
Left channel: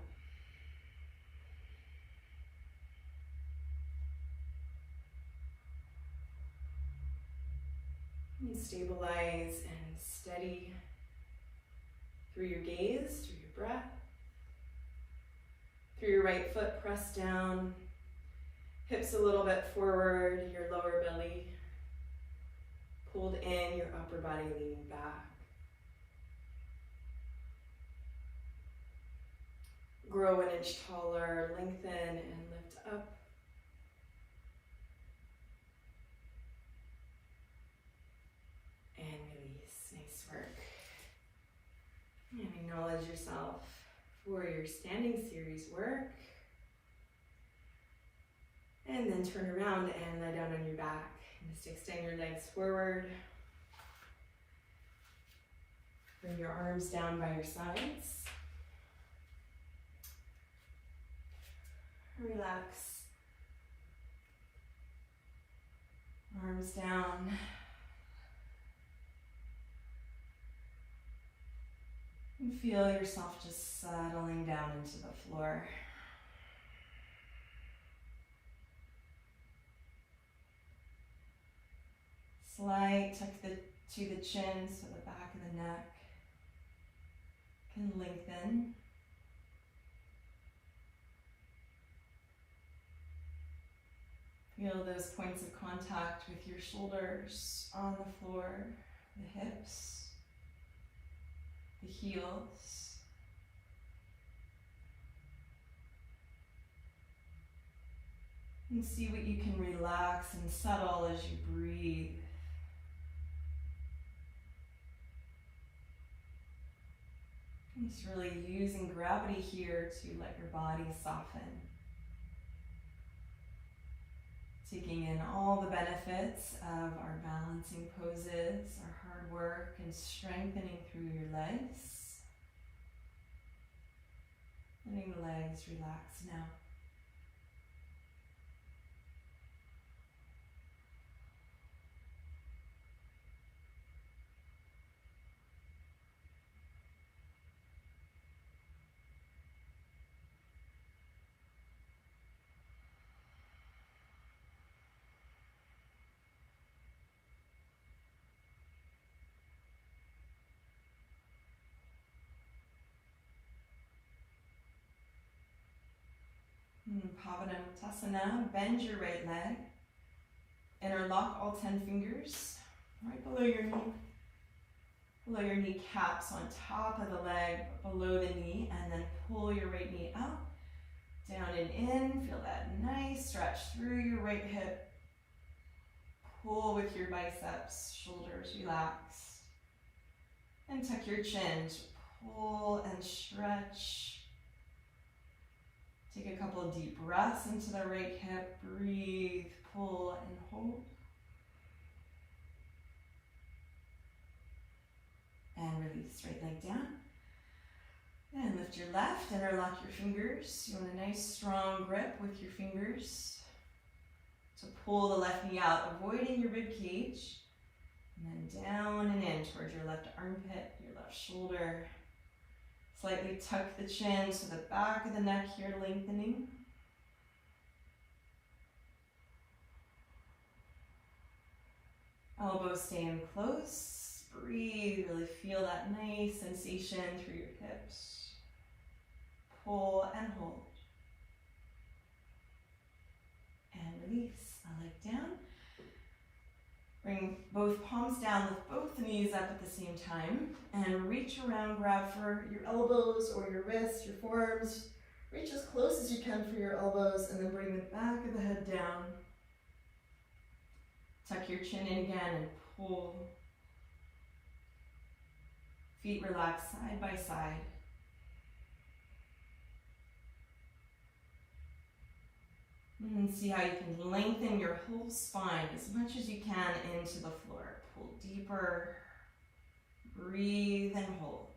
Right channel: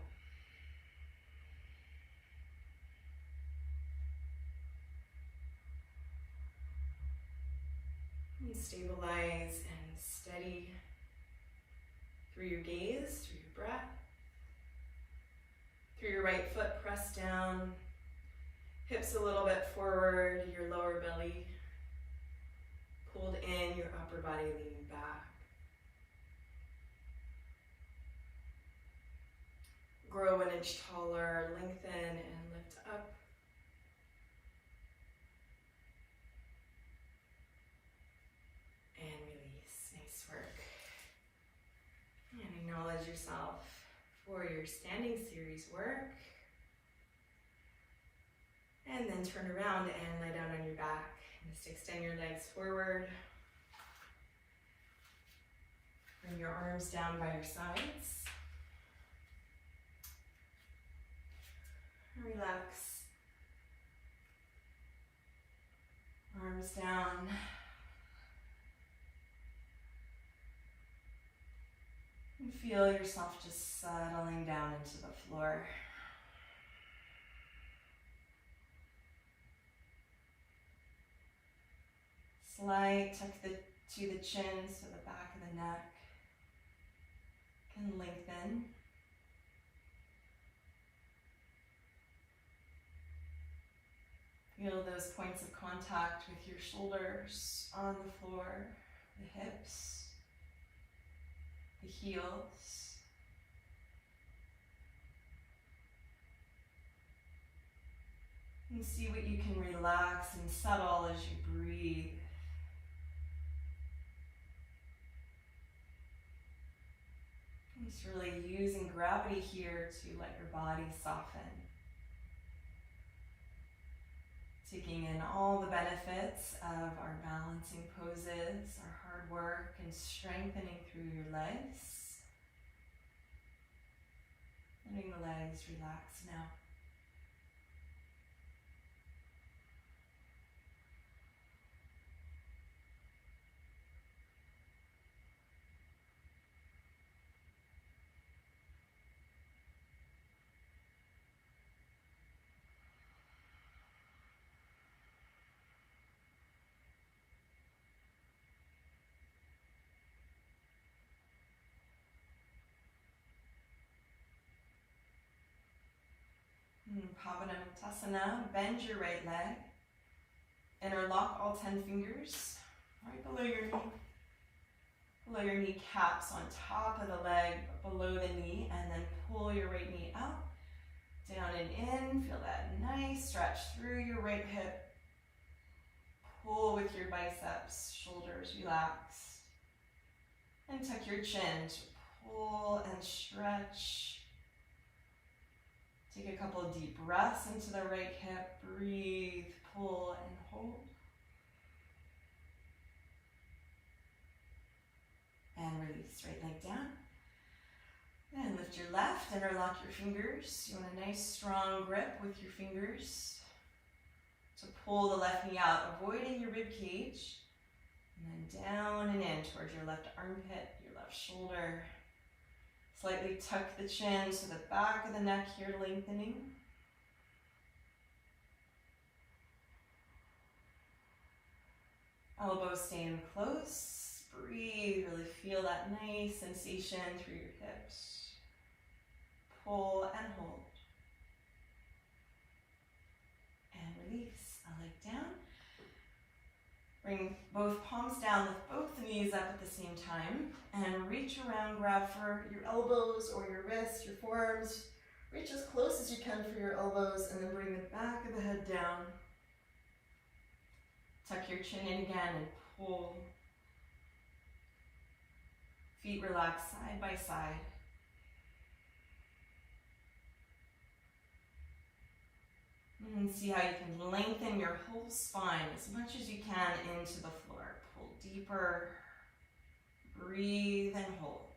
And stabilize and steady through your gaze, through your breath. Through your right foot, press down, hips a little bit forward, your lower belly pulled in, your upper body leaning back. Grow an inch taller, lengthen and lift up. And release. Nice work. And acknowledge yourself for your standing series work. And then turn around and lie down on your back. Just extend your legs forward. Bring your arms down by your sides. Relax. Arms down. And feel yourself just settling down into the floor. Slight tuck to the chin, so the back of the neck can lengthen. Feel those points of contact with your shoulders on the floor, the hips, the heels. And see what you can relax and settle as you breathe. And just really using gravity here to let your body soften. Taking in all the benefits of our balancing poses, our hard work, and strengthening through your legs. Letting the legs relax now. Pavanamottanasana, bend your right leg, interlock all 10 fingers right below your kneecaps on top of the leg, below the knee, and then pull your right knee up, down and in. Feel that nice stretch through your right hip. Pull with your biceps, shoulders relax, and tuck your chin. Pull and stretch. Take a couple of deep breaths into the right hip. Breathe, pull, and hold. And release, right leg down. And lift your left, interlock your fingers. You want a nice strong grip with your fingers to pull the left knee out, avoiding your rib cage. And then down and in towards your left armpit, your left shoulder. Slightly tuck the chin to the back of the neck here, lengthening. Elbows staying close. Breathe, really feel that nice sensation through your hips. Pull and hold. And release. A leg down. Bring both palms down, lift both knees up at the same time, and reach around, grab for your elbows or your wrists, your forearms. Reach as close as you can for your elbows, and then bring the back of the head down. Tuck your chin in again and pull. Feet relax side by side. And see how you can lengthen your whole spine as much as you can into the floor. Pull deeper, breathe and hold.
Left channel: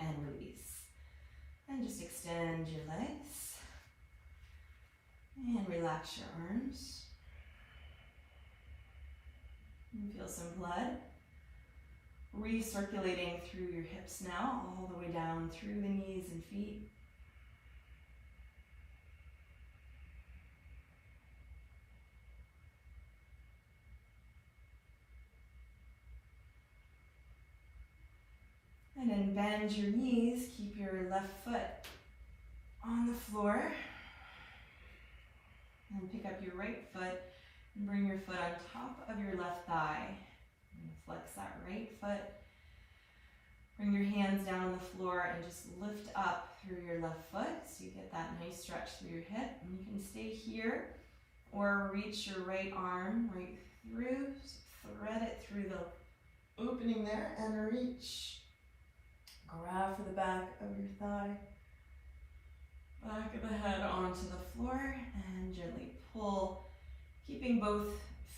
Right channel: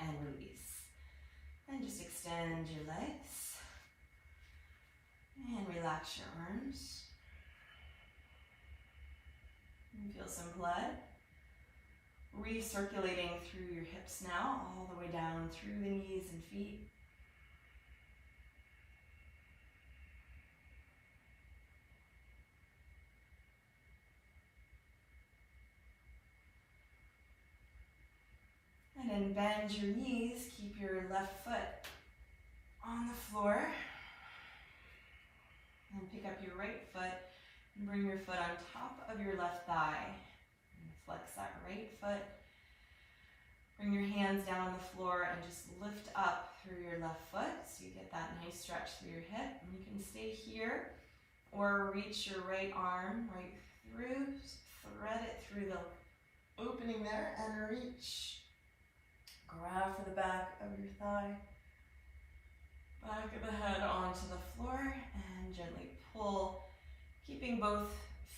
And release. And just extend your legs. And relax your arms. And feel some blood recirculating through your hips now, all the way down through the knees and feet. And then bend your knees, keep your left foot on the floor. And pick up your right foot and bring your foot on top of your left thigh. And flex that right foot. Bring your hands down on the floor and just lift up through your left foot so you get that nice stretch through your hip. And you can stay here or reach your right arm right through, thread it through the opening there and reach. Grab for the back of your thigh, back of the head onto the floor, and gently pull, keeping both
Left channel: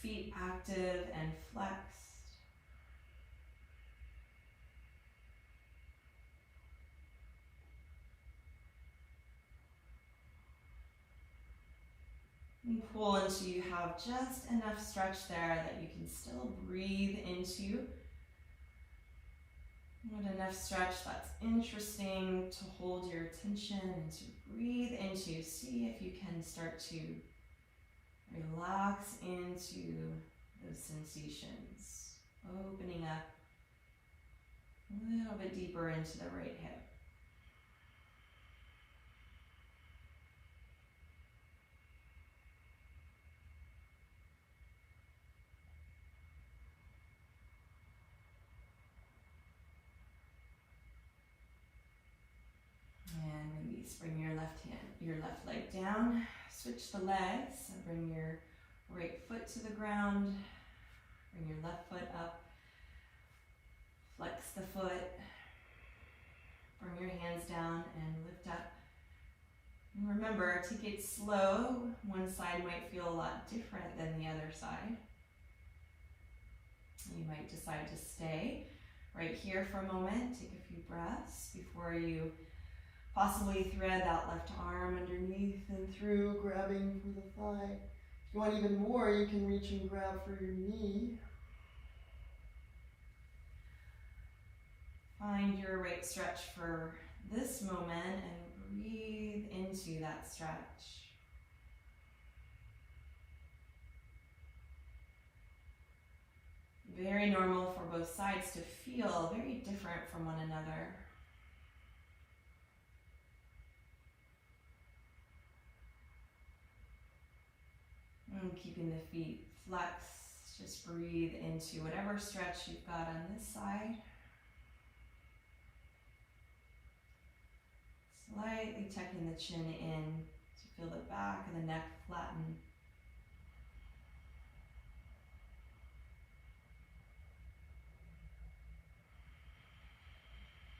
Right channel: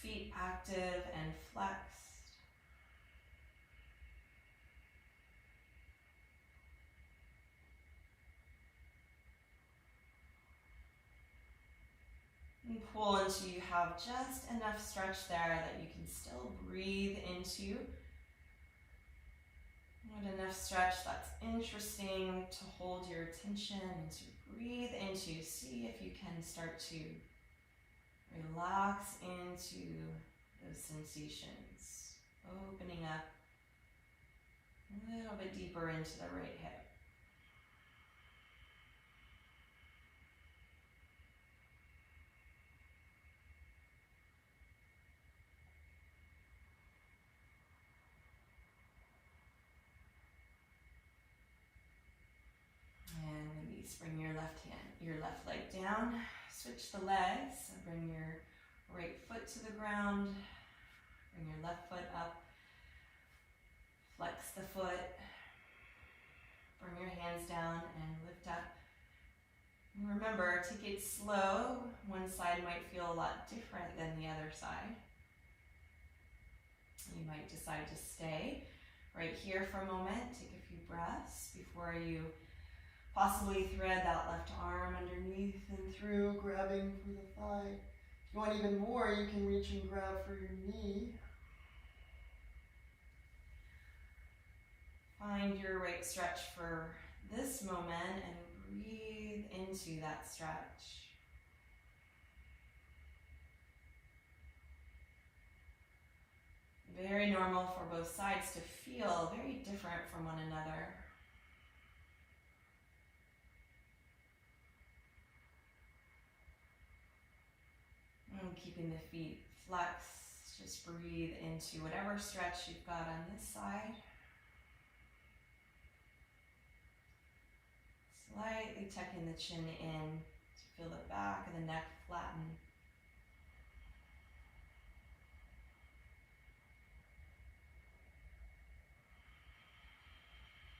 feet active and flexed. And pull until you have just enough stretch there that you can still breathe into. And enough stretch that's interesting to hold your attention and to breathe into. See if you can start to relax into those sensations. Opening up a little bit deeper into the right hip. Bring your left leg down, switch the legs, and bring your right foot to the ground, bring your left foot up, flex the foot, bring your hands down and lift up. And remember, take it slow. One side might feel a lot different than the other side. You might decide to stay right here for a moment, take a few breaths before you possibly thread that left arm underneath and through, grabbing for the thigh. If you want even more, you can reach and grab for your knee. Find your right stretch for this moment and breathe into that stretch. Very normal for both sides to feel very different from one another. And keeping the feet flexed, just breathe into whatever stretch you've got on this side. Slightly tucking the chin in to feel the back of the neck flatten.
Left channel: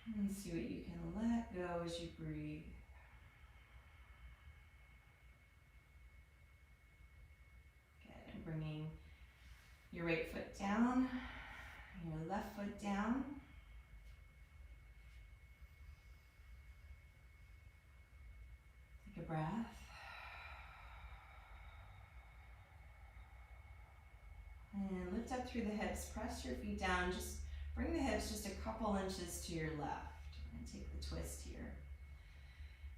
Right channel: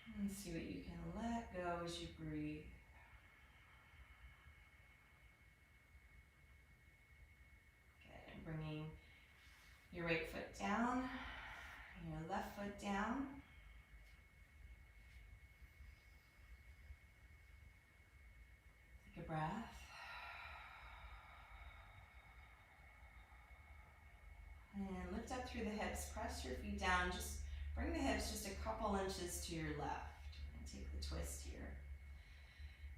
And see what you can let go as you breathe. Bringing your right foot down, your left foot down. Take a breath. And lift up through the hips, press your feet down, just bring the hips just a couple inches to your left. And take the twist here.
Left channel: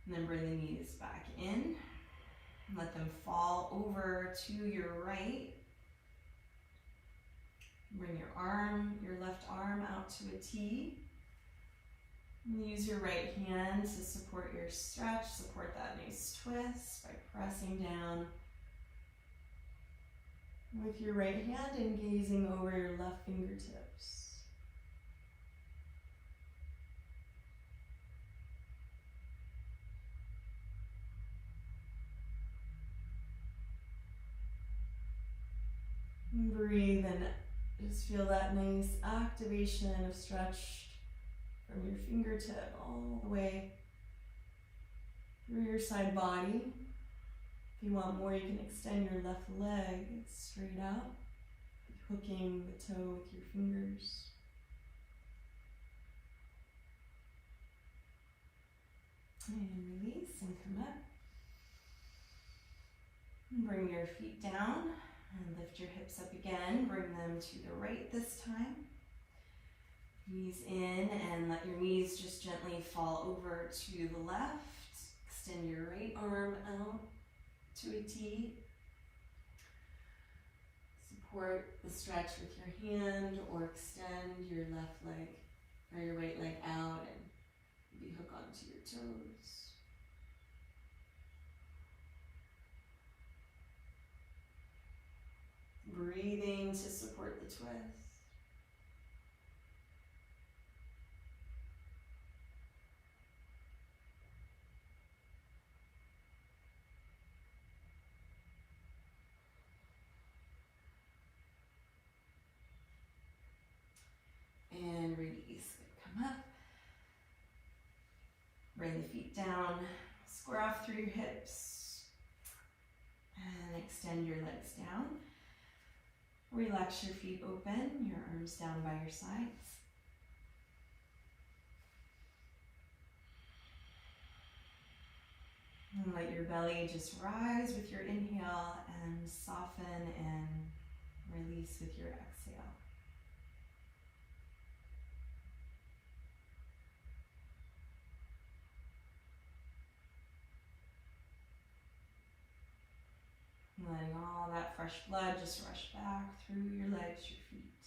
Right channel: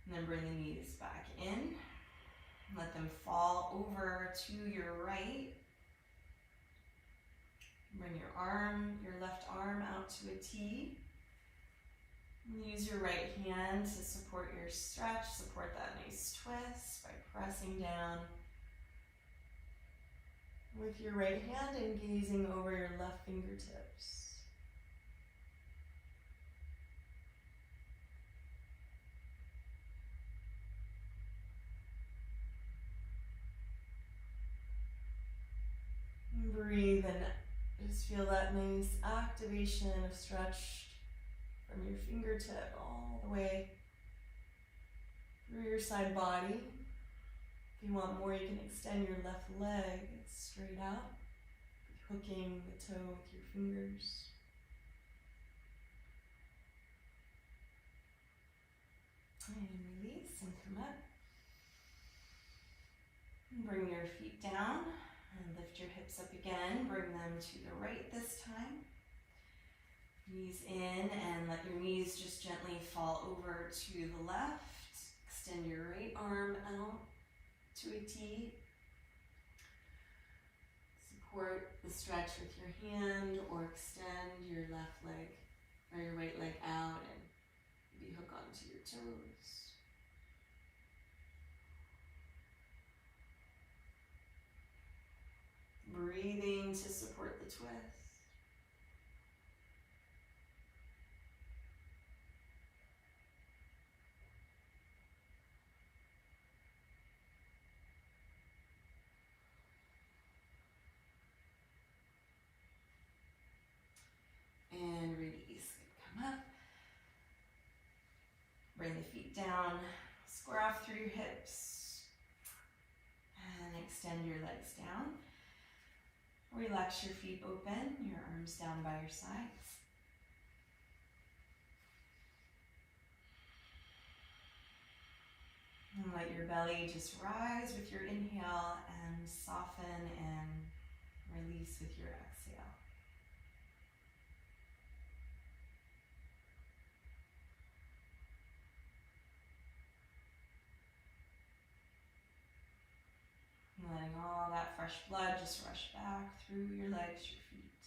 And then bring the knees back in. Let them fall over to your right. Bring your left arm out to a T. Use your right hand to support your stretch, support that nice twist by pressing down with your right hand and gazing over your left fingertips. Breathe and just feel that nice activation of stretch from your fingertip all the way through your side body. If you want more, you can extend your left leg straight out, hooking the toe with your fingers. And release and come up. Bring your feet down and lift your hips up again. Bring them to the right this time. Knees in and let your knees just gently fall over to the left. Extend your right arm out to a T. Support the stretch with your hand or extend your left leg or your right leg out and maybe hook onto your toes. Breathing to support the twist. And release. Come up. Bring the feet down. Square off through your hips. And extend your legs down. Relax your feet open, your arms down by your sides. And let your belly just rise with your inhale and soften and release with your exhale. Letting all that fresh blood just rush back through your legs, your feet.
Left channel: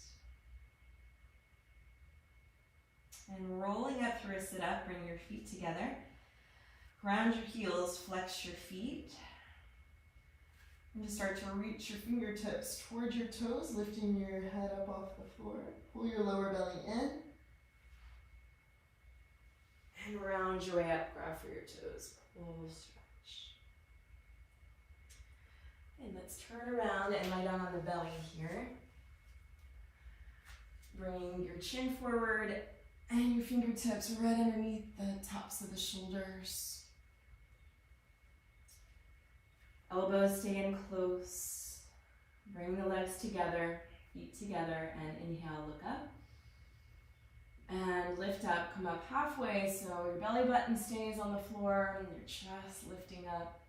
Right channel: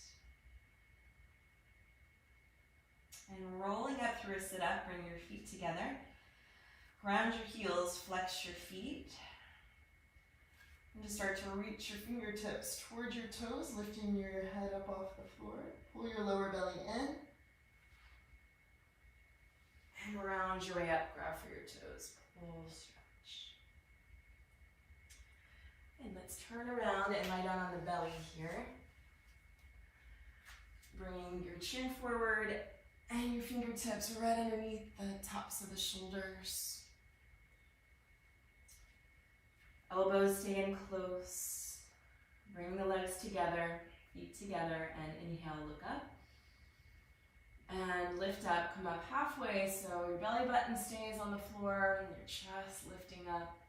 And rolling up through a sit-up, bring your feet together. Ground your heels, flex your feet. And just start to reach your fingertips towards your toes, lifting your head up off the floor. Pull your lower belly in. And round your way up, grab for your toes. Pull, stretch. And let's turn around and lie down on the belly here. Bring your chin forward and your fingertips right underneath the tops of the shoulders. Elbows stay in close. Bring the legs together, feet together, and inhale, look up. And lift up, come up halfway so your belly button stays on the floor and your chest lifting up.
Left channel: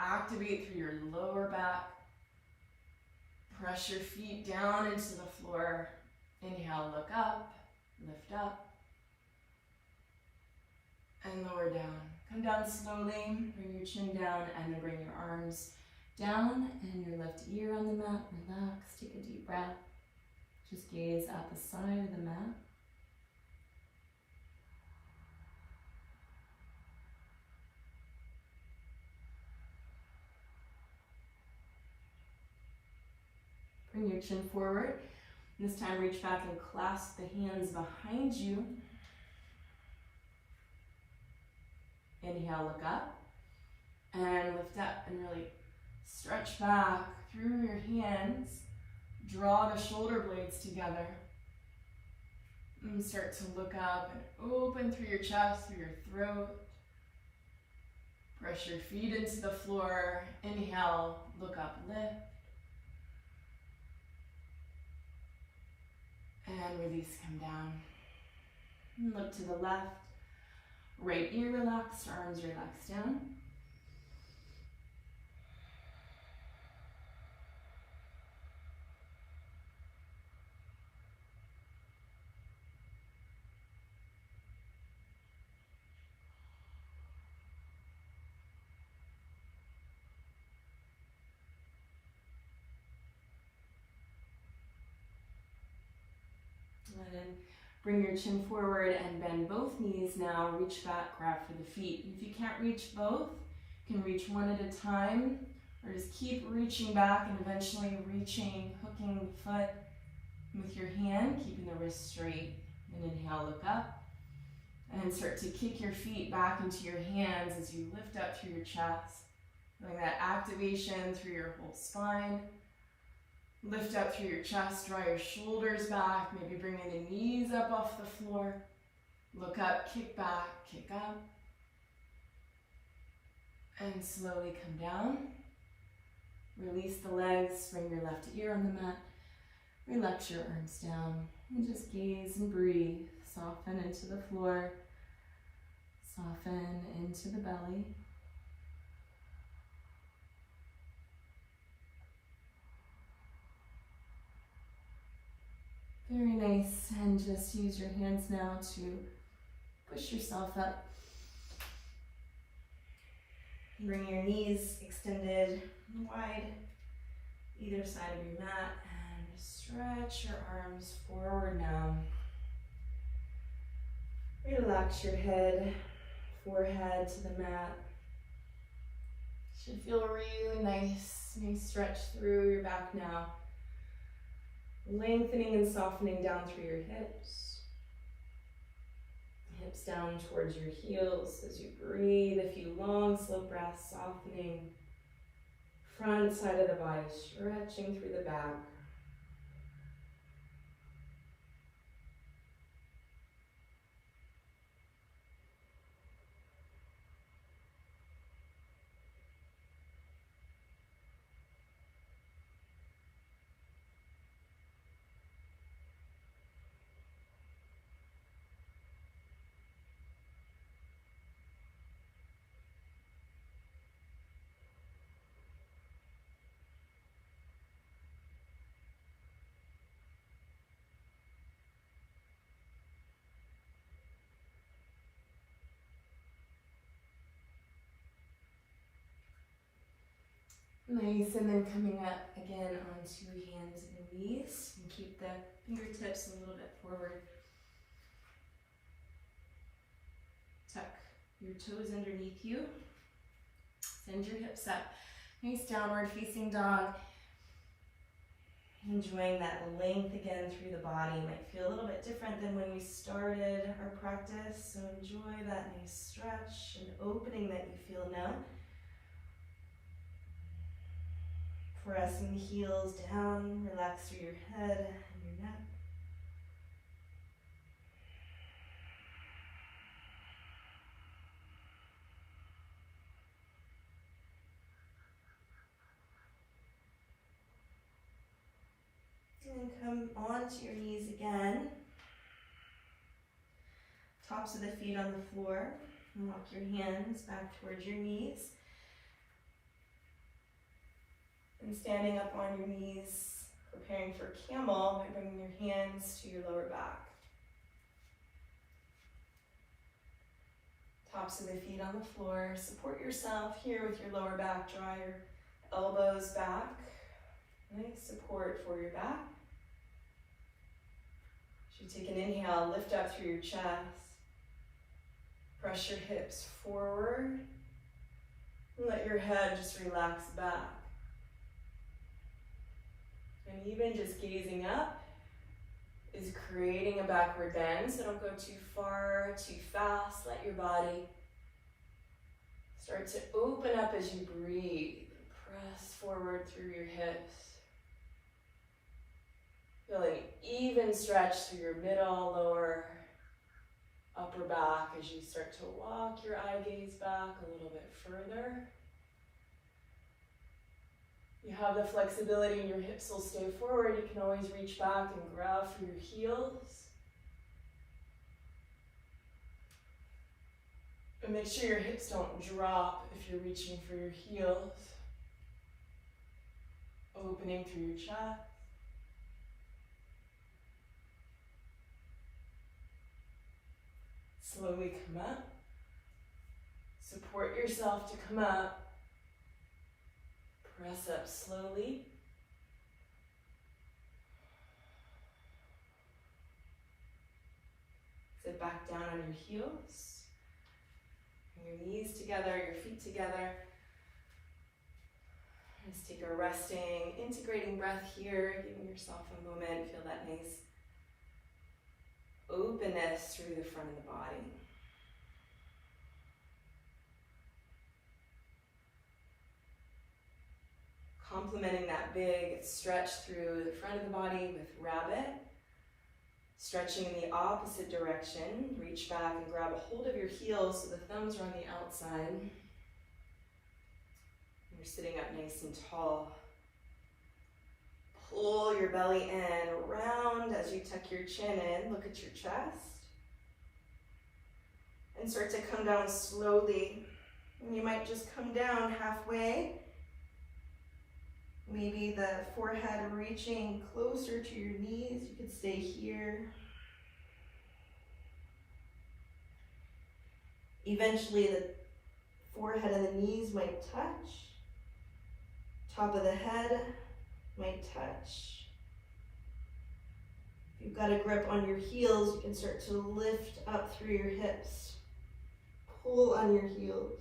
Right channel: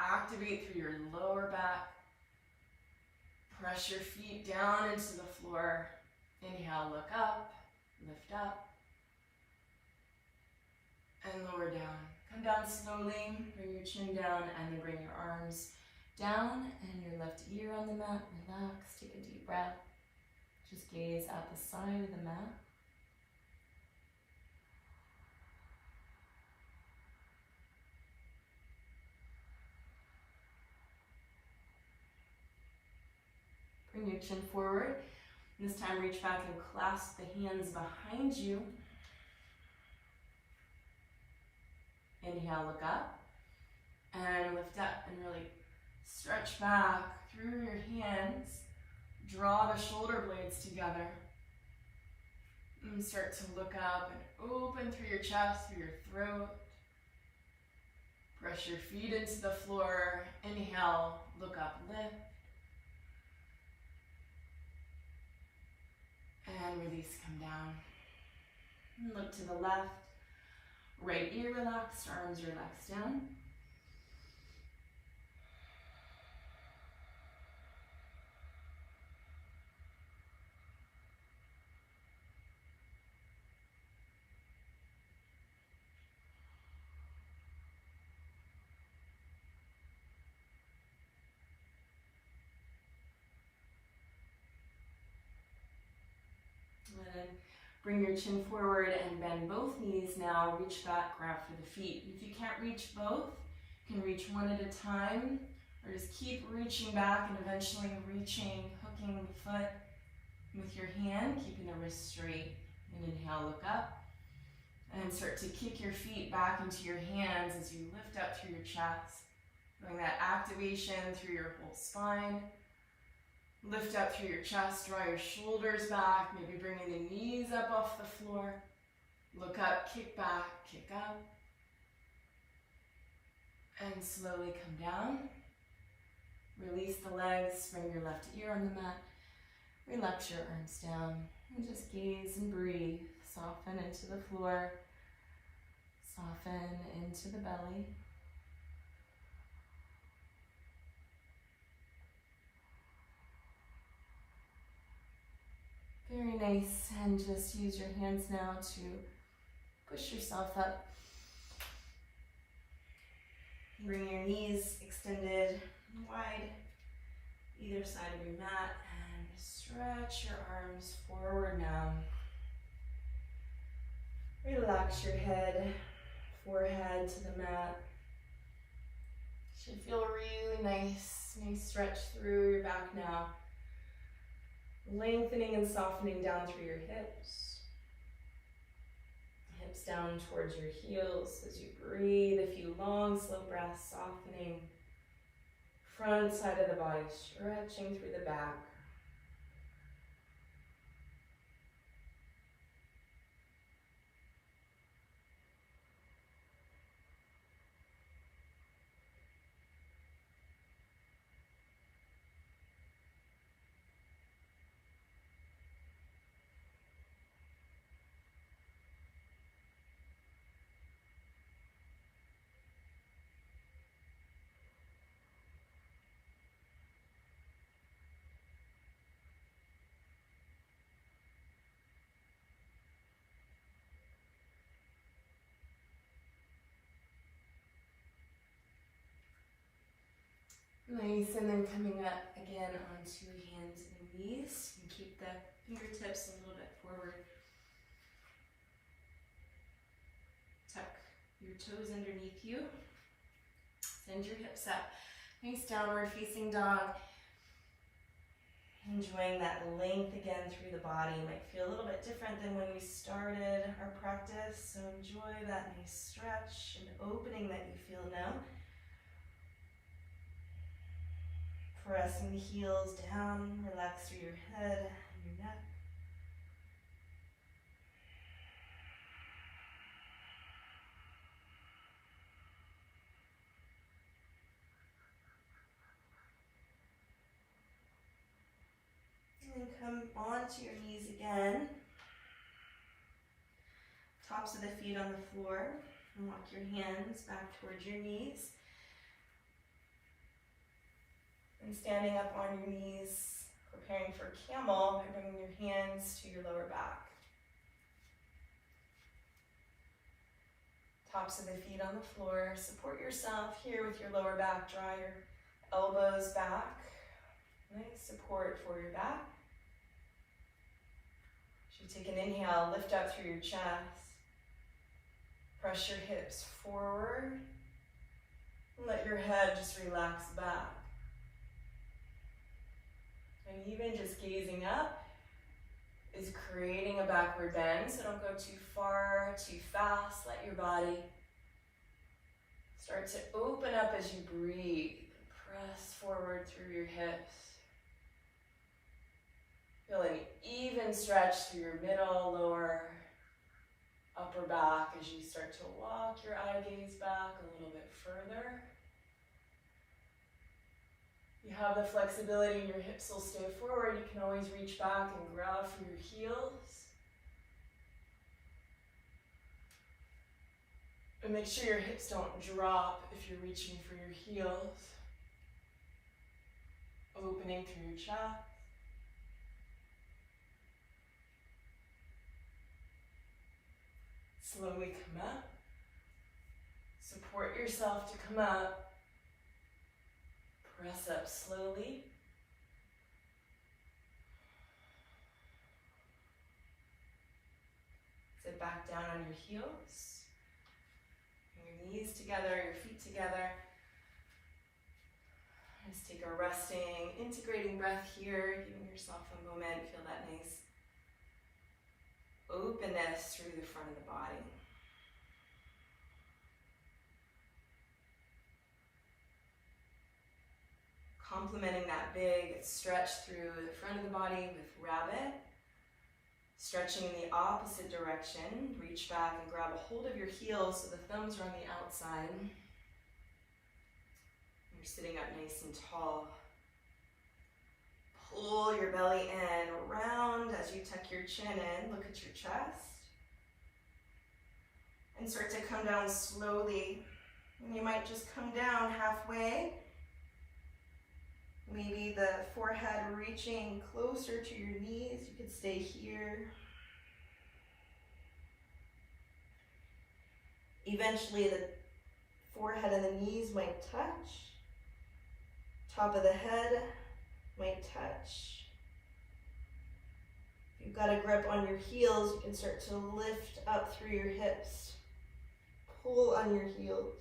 Activate through your lower back. Press your feet down into the floor. Inhale, look up, lift up, and lower down. Come down slowly, bring your chin down, and then bring your arms down and your left ear on the mat. Relax, take a deep breath. Just gaze at the side of the mat. Bring your chin forward. This time reach back and clasp the hands behind you. Inhale, look up. And lift up and really stretch back through your hands. Draw the shoulder blades together. And start to look up and open through your chest, through your throat. Press your feet into the floor. Inhale, look up, lift. And release, come down. And look to the left. Right ear relaxed, arms relaxed down. And bring your chin forward and bend both knees now. Reach back, grab for the feet. If you can't reach both, you can reach one at a time, or just keep reaching back and eventually reaching, hooking the foot with your hand, keeping the wrist straight. And inhale, look up. And start to kick your feet back into your hands as you lift up through your chest. Bring that activation through your whole spine. Lift up through your chest, draw your shoulders back, maybe bringing the knees up off the floor. Look up, kick back, kick up. And slowly come down. Release the legs, bring your left ear on the mat. Relax your arms down and just gaze and breathe. Soften into the floor. Soften into the belly. Very nice, and just use your hands now to push yourself up. Bring your knees extended wide, either side of your mat, and stretch your arms forward now. Relax your head, forehead to the mat. Should feel really nice. Nice stretch through your back now. Lengthening and softening down through your hips. Hips down towards your heels as you breathe. A few long, slow breaths, softening. Front side of the body, stretching through the back. Nice, and then coming up again onto hands and knees. And keep the fingertips a little bit forward. Tuck your toes underneath you. Send your hips up. Nice downward facing dog. Enjoying that length again through the body. Might feel a little bit different than when we started our practice. So enjoy that nice stretch and opening that you feel now. Pressing the heels down, relax through your head and your neck. And come onto your knees again. Tops of the feet on the floor. And walk your hands back towards your knees. And standing up on your knees, preparing for camel by bringing your hands to your lower back. Tops of the feet on the floor. Support yourself here with your lower back. Draw your elbows back. Nice support for your back. As you take an inhale, lift up through your chest. Press your hips forward. Let your head just relax back. And even just gazing up is creating a backward bend, so don't go too far, too fast. Let your body start to open up as you breathe. Press forward through your hips. Feel an even stretch through your middle, lower, upper back as you start to walk your eye gaze back a little bit further. You have the flexibility and your hips will stay forward. You can always reach back and grab for your heels. And make sure your hips don't drop if you're reaching for your heels. Opening through your chest. Slowly come up. Support yourself to come up. Press up slowly. Sit back down on your heels. Bring your knees together, your feet together. Just take a resting, integrating breath here. Giving yourself a moment. Feel that nice openness through the front of the body. Complementing that big stretch through the front of the body with rabbit. Stretching in the opposite direction. Reach back and grab a hold of your heels so the thumbs are on the outside. You're sitting up nice and tall. Pull your belly in, round as you tuck your chin in. Look at your chest. And start to come down slowly. And you might just come down halfway. Maybe the forehead reaching closer to your knees. You could stay here. Eventually the forehead and the knees might touch. Top of the head might touch. If you've got a grip on your heels, you can start to lift up through your hips. Pull on your heels.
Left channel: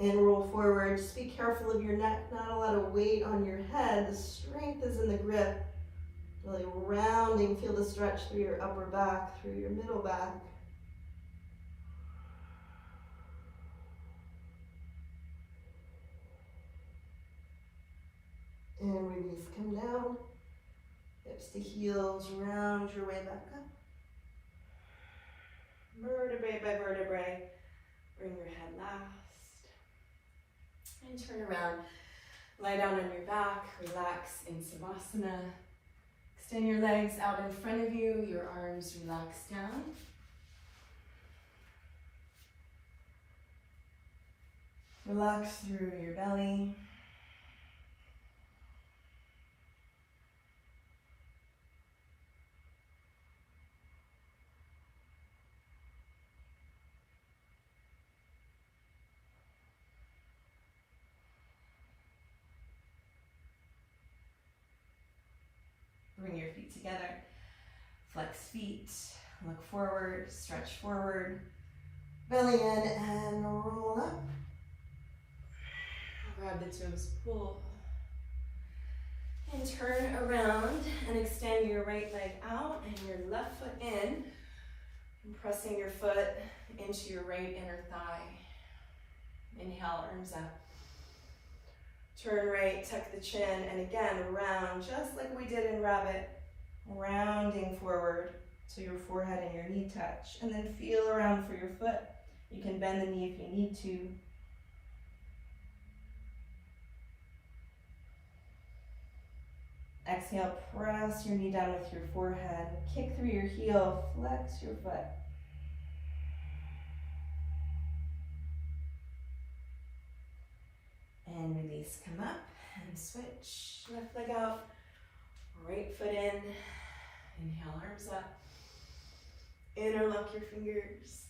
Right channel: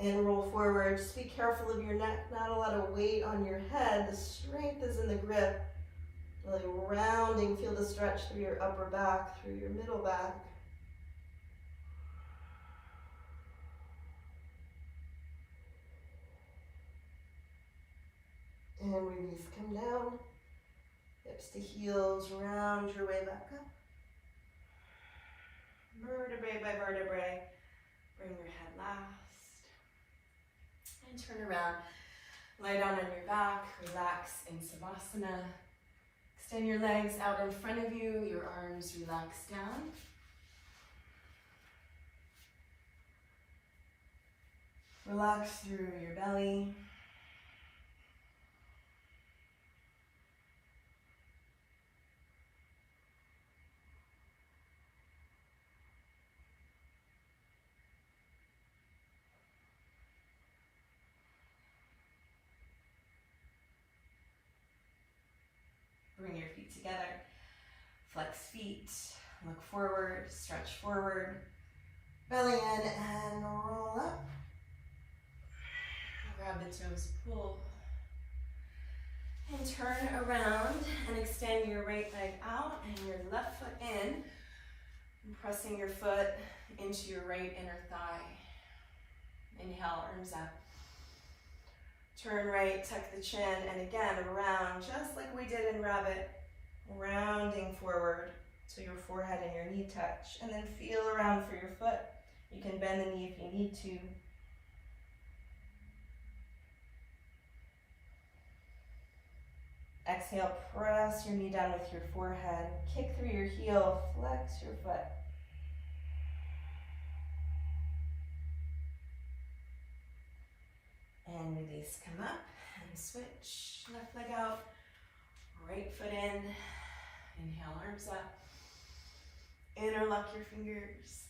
And roll forward. Just be careful of your neck, not a lot of weight on your head. The strength is in the grip. Really rounding, feel the stretch through your upper back, through your middle back. And release, come down. Hips to heels, round your way back up. Vertebrae by vertebrae. Bring your head last. And turn around. Lie down on your back. Relax in Savasana. Extend your legs out in front of you. Your arms relax down. Relax through your belly. Bring your feet together, flex feet, look forward, stretch forward, belly in and roll up. Grab the toes, pull. And turn around and extend your right leg out and your left foot in. And pressing your foot into your right inner thigh. Inhale, arms up. Turn right, tuck the chin, and again, round, just like we did in rabbit. Rounding forward so your forehead and your knee touch. And then feel around for your foot. You can bend the knee if you need to. Exhale, press your knee down with your forehead. Kick through your heel, flex your foot. And release, come up and switch. Left leg out, right foot in. Inhale, arms up. Interlock your fingers.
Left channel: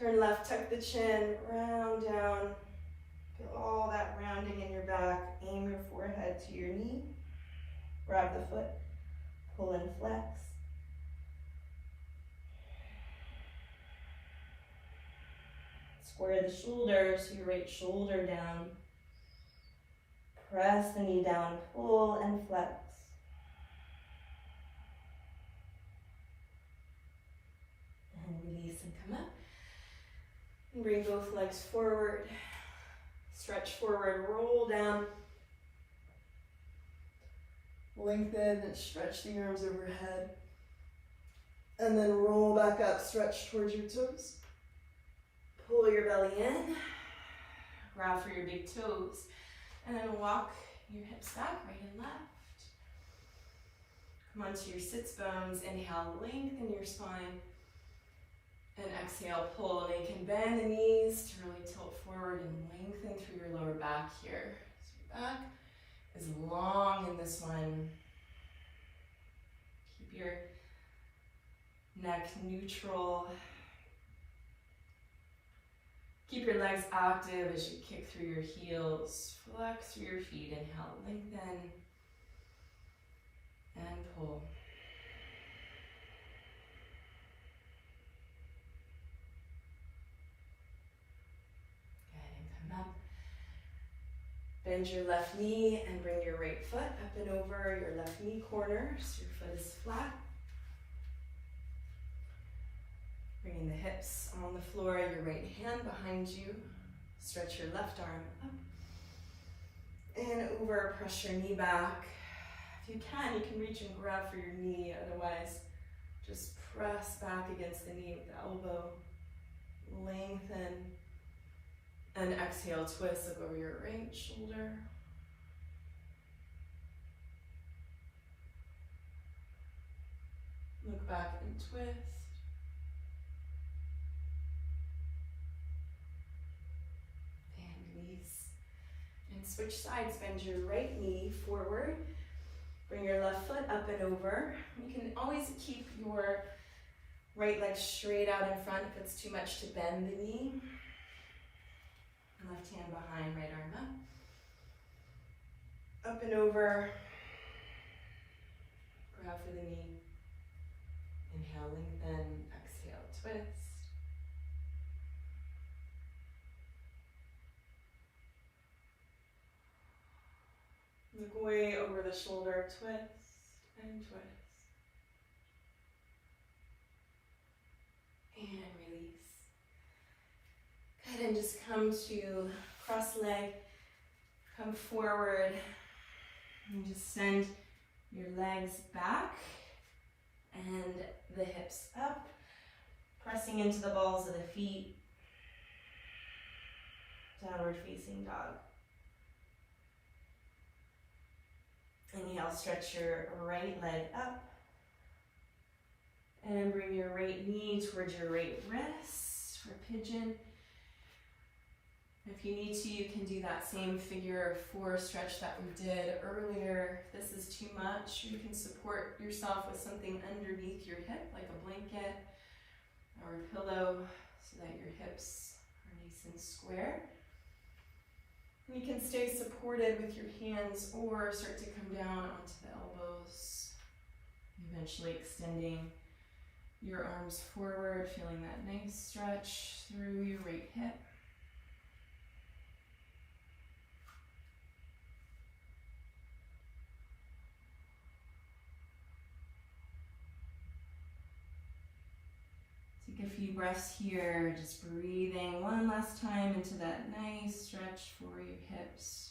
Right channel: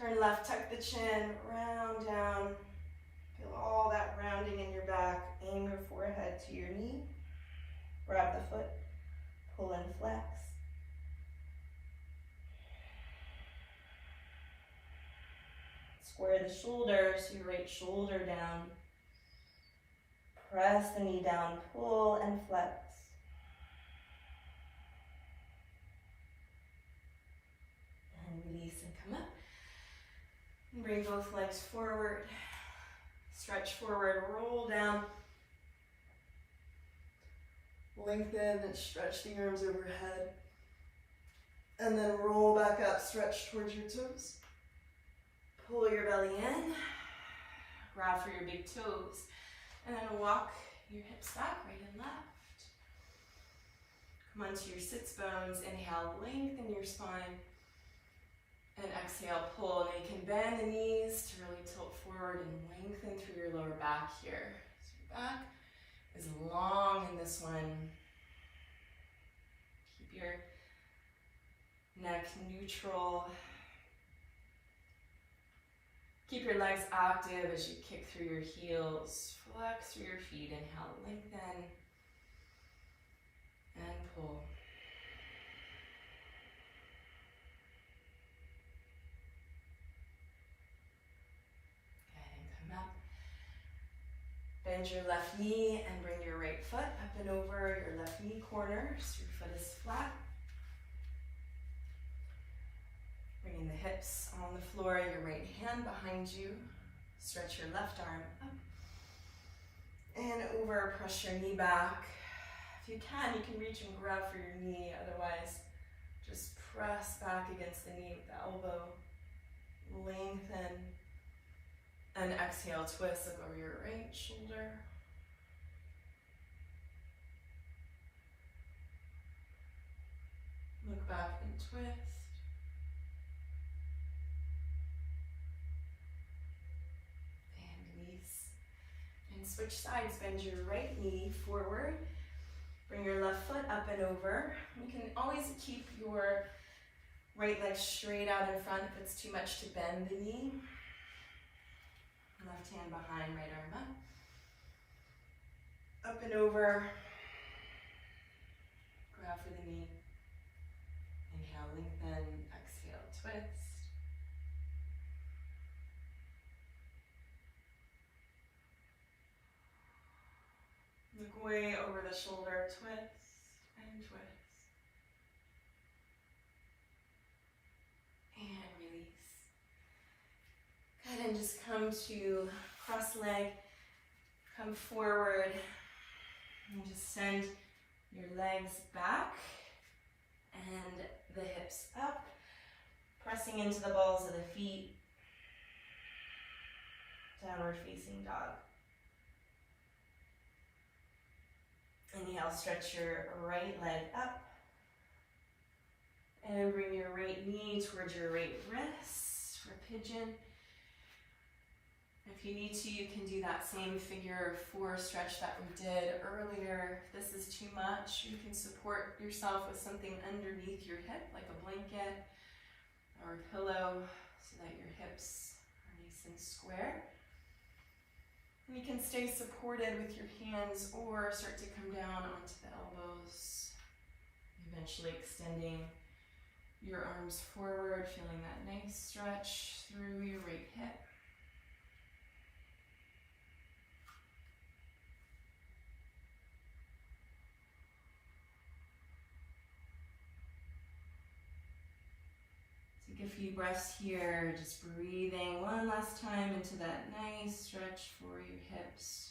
Turn left, tuck the chin, round down. Feel all that rounding in your back. Aim your forehead to your knee. Grab the foot, pull and flex. Square the shoulders, your right shoulder down. Press the knee down, pull and flex. And release and come up. And bring both legs forward. Stretch forward, roll down. Lengthen and stretch the arms overhead. And then roll back up, stretch towards your toes. Pull your belly in. Grab for your big toes. And then walk your hips back, right and left. Come onto your sits bones. Inhale, lengthen your spine. And exhale, pull. And you can bend the knees to really tilt forward and lengthen through your lower back here. So your back is long in this one. Keep your neck neutral. Keep your legs active as you kick through your heels. Flex through your feet. Inhale, lengthen. And pull. And come up. Bend your left knee and bring your right foot up and over your left knee corner so your foot is flat. Bringing the hips on the floor, your right hand behind you. Stretch your left arm up and over, press your knee back. If you can reach and grab for your knee, otherwise just press back against the knee with the elbow. lengthen. And exhale, twist, look over your right shoulder. Look back and twist. And release. And switch sides, bend your right knee forward. Bring your left foot up and over. You can always keep your right leg straight out in front if it's too much to bend the knee. Left hand behind, right arm up. Up and over. Brow for the knee. Inhale, lengthen. Exhale, twist. Look way over the shoulder, twist and twist. And release. Good, and just come to cross leg, come forward, and just send your legs back and the hips up, pressing into the balls of the feet, downward facing dog. Inhale, stretch your right leg up, and bring your right knee towards your right wrist for pigeon. If you need to, you can do that same figure 4 stretch that we did earlier. If this is too much, you can support yourself with something underneath your hip, like a blanket or a pillow, so that your hips are nice and square. And you can stay supported with your hands or start to come down onto the elbows, eventually extending your arms forward, feeling that nice stretch through your right hip. Take a few breaths here, just breathing one last time into that nice stretch for your hips.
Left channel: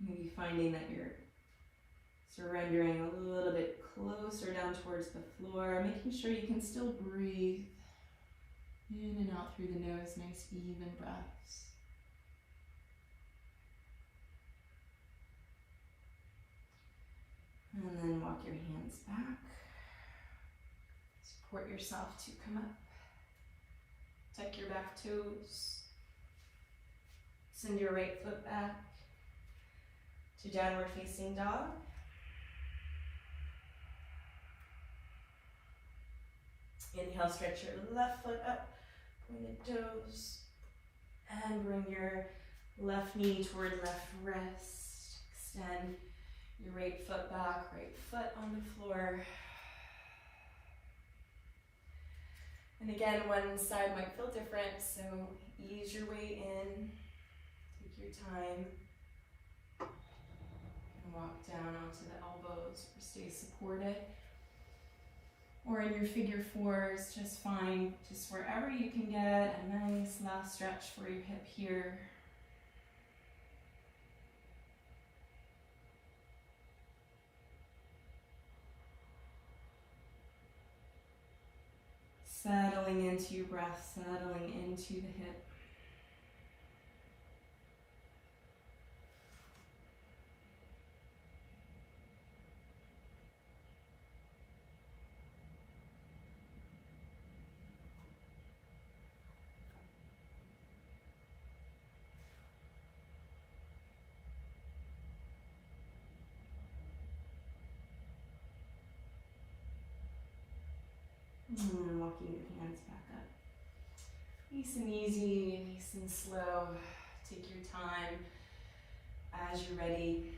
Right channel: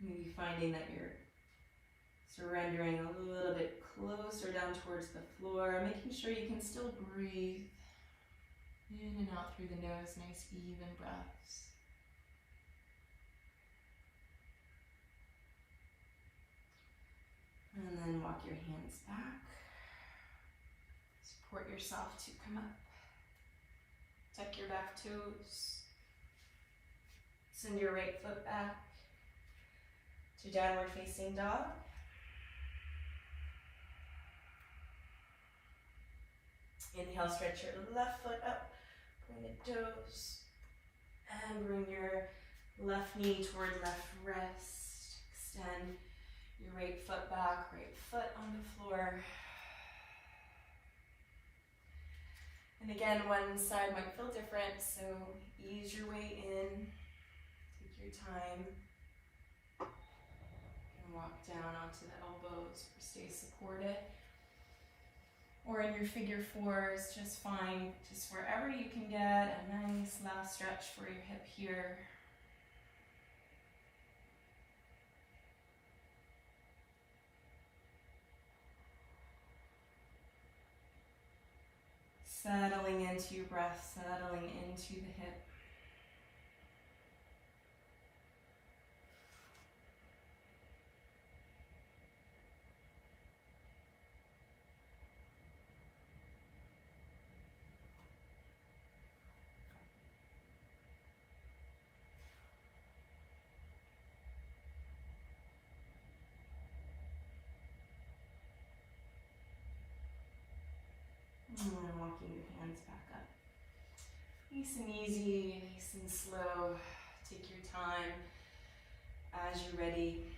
Maybe finding that you're surrendering a little bit closer down towards the floor, making sure you can still breathe in and out through the nose, nice even breaths. And then walk your hands back. Support yourself to come up. Tuck your back toes. Send your right foot back to downward facing dog. Inhale, stretch your left foot up, bring the toes, and bring your left knee toward left wrist. Extend your right foot back, right foot on the floor. And again, one side might feel different, so ease your way in, take your time, and walk down onto the elbows, stay supported. Or in your figure 4s, just fine, just wherever you can get a nice last stretch for your hip here. Settling into your breath, settling into the hip. And walking your hands back up. Nice and easy, nice and slow. Take your time. As you're ready,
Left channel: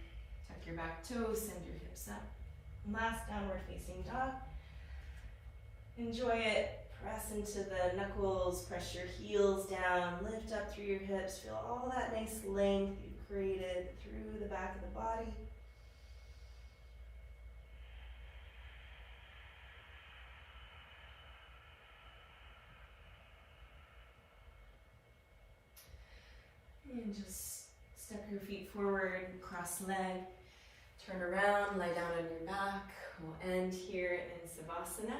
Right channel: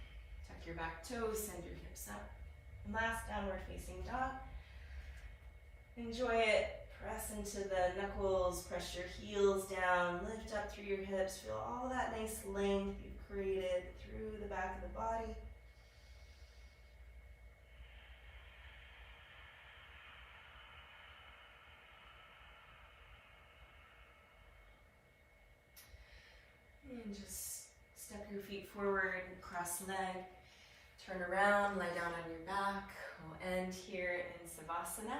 tuck your back toes, send your hips up. Last downward facing dog. Enjoy it. Press into the knuckles, press your heels down, lift up through your hips. Feel all that nice length you've created through the back of the body. And just step your feet forward, cross leg, turn around, lie down on your back. We'll end here in Savasana.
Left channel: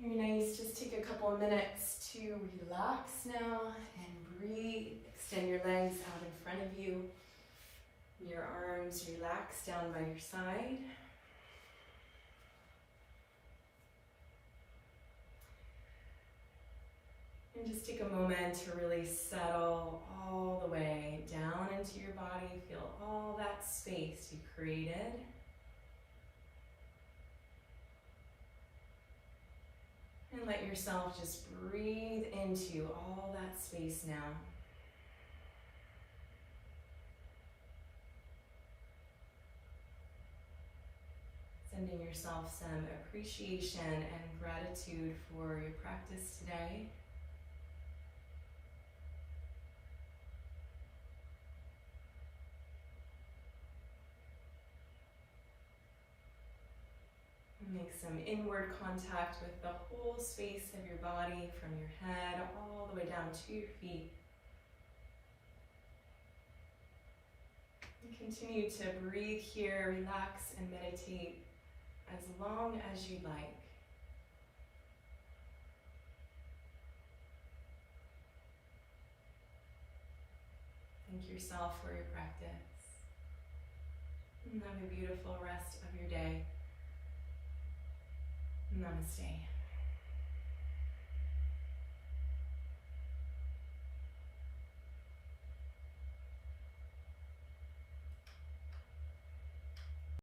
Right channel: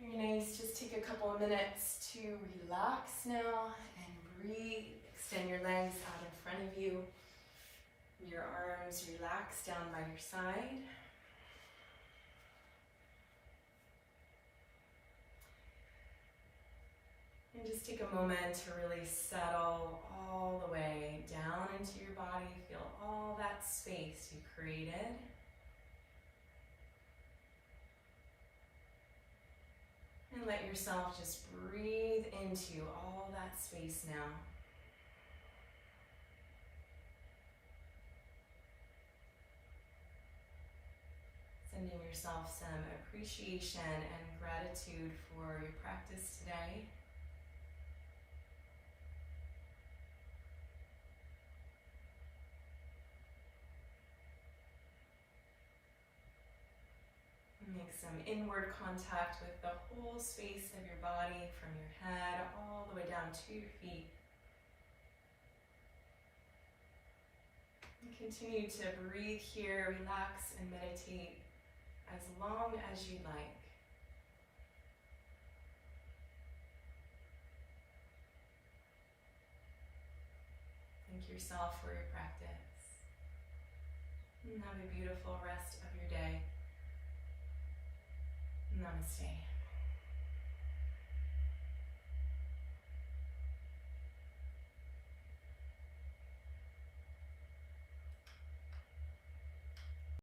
Very nice. Just take a couple of minutes to relax now and breathe. Extend your legs out in front of you. Your arms relax down by your side. And just take a moment to really settle all the way down into your body. Feel all that space you created. And let yourself just breathe into all that space now. Sending yourself some appreciation and gratitude for your practice today. Make some inward contact with the whole space of your body, from your head all the way down to your feet. And continue to breathe here, relax and meditate as long as you'd like. Thank yourself for your practice. And have a beautiful rest of your day. Namaste.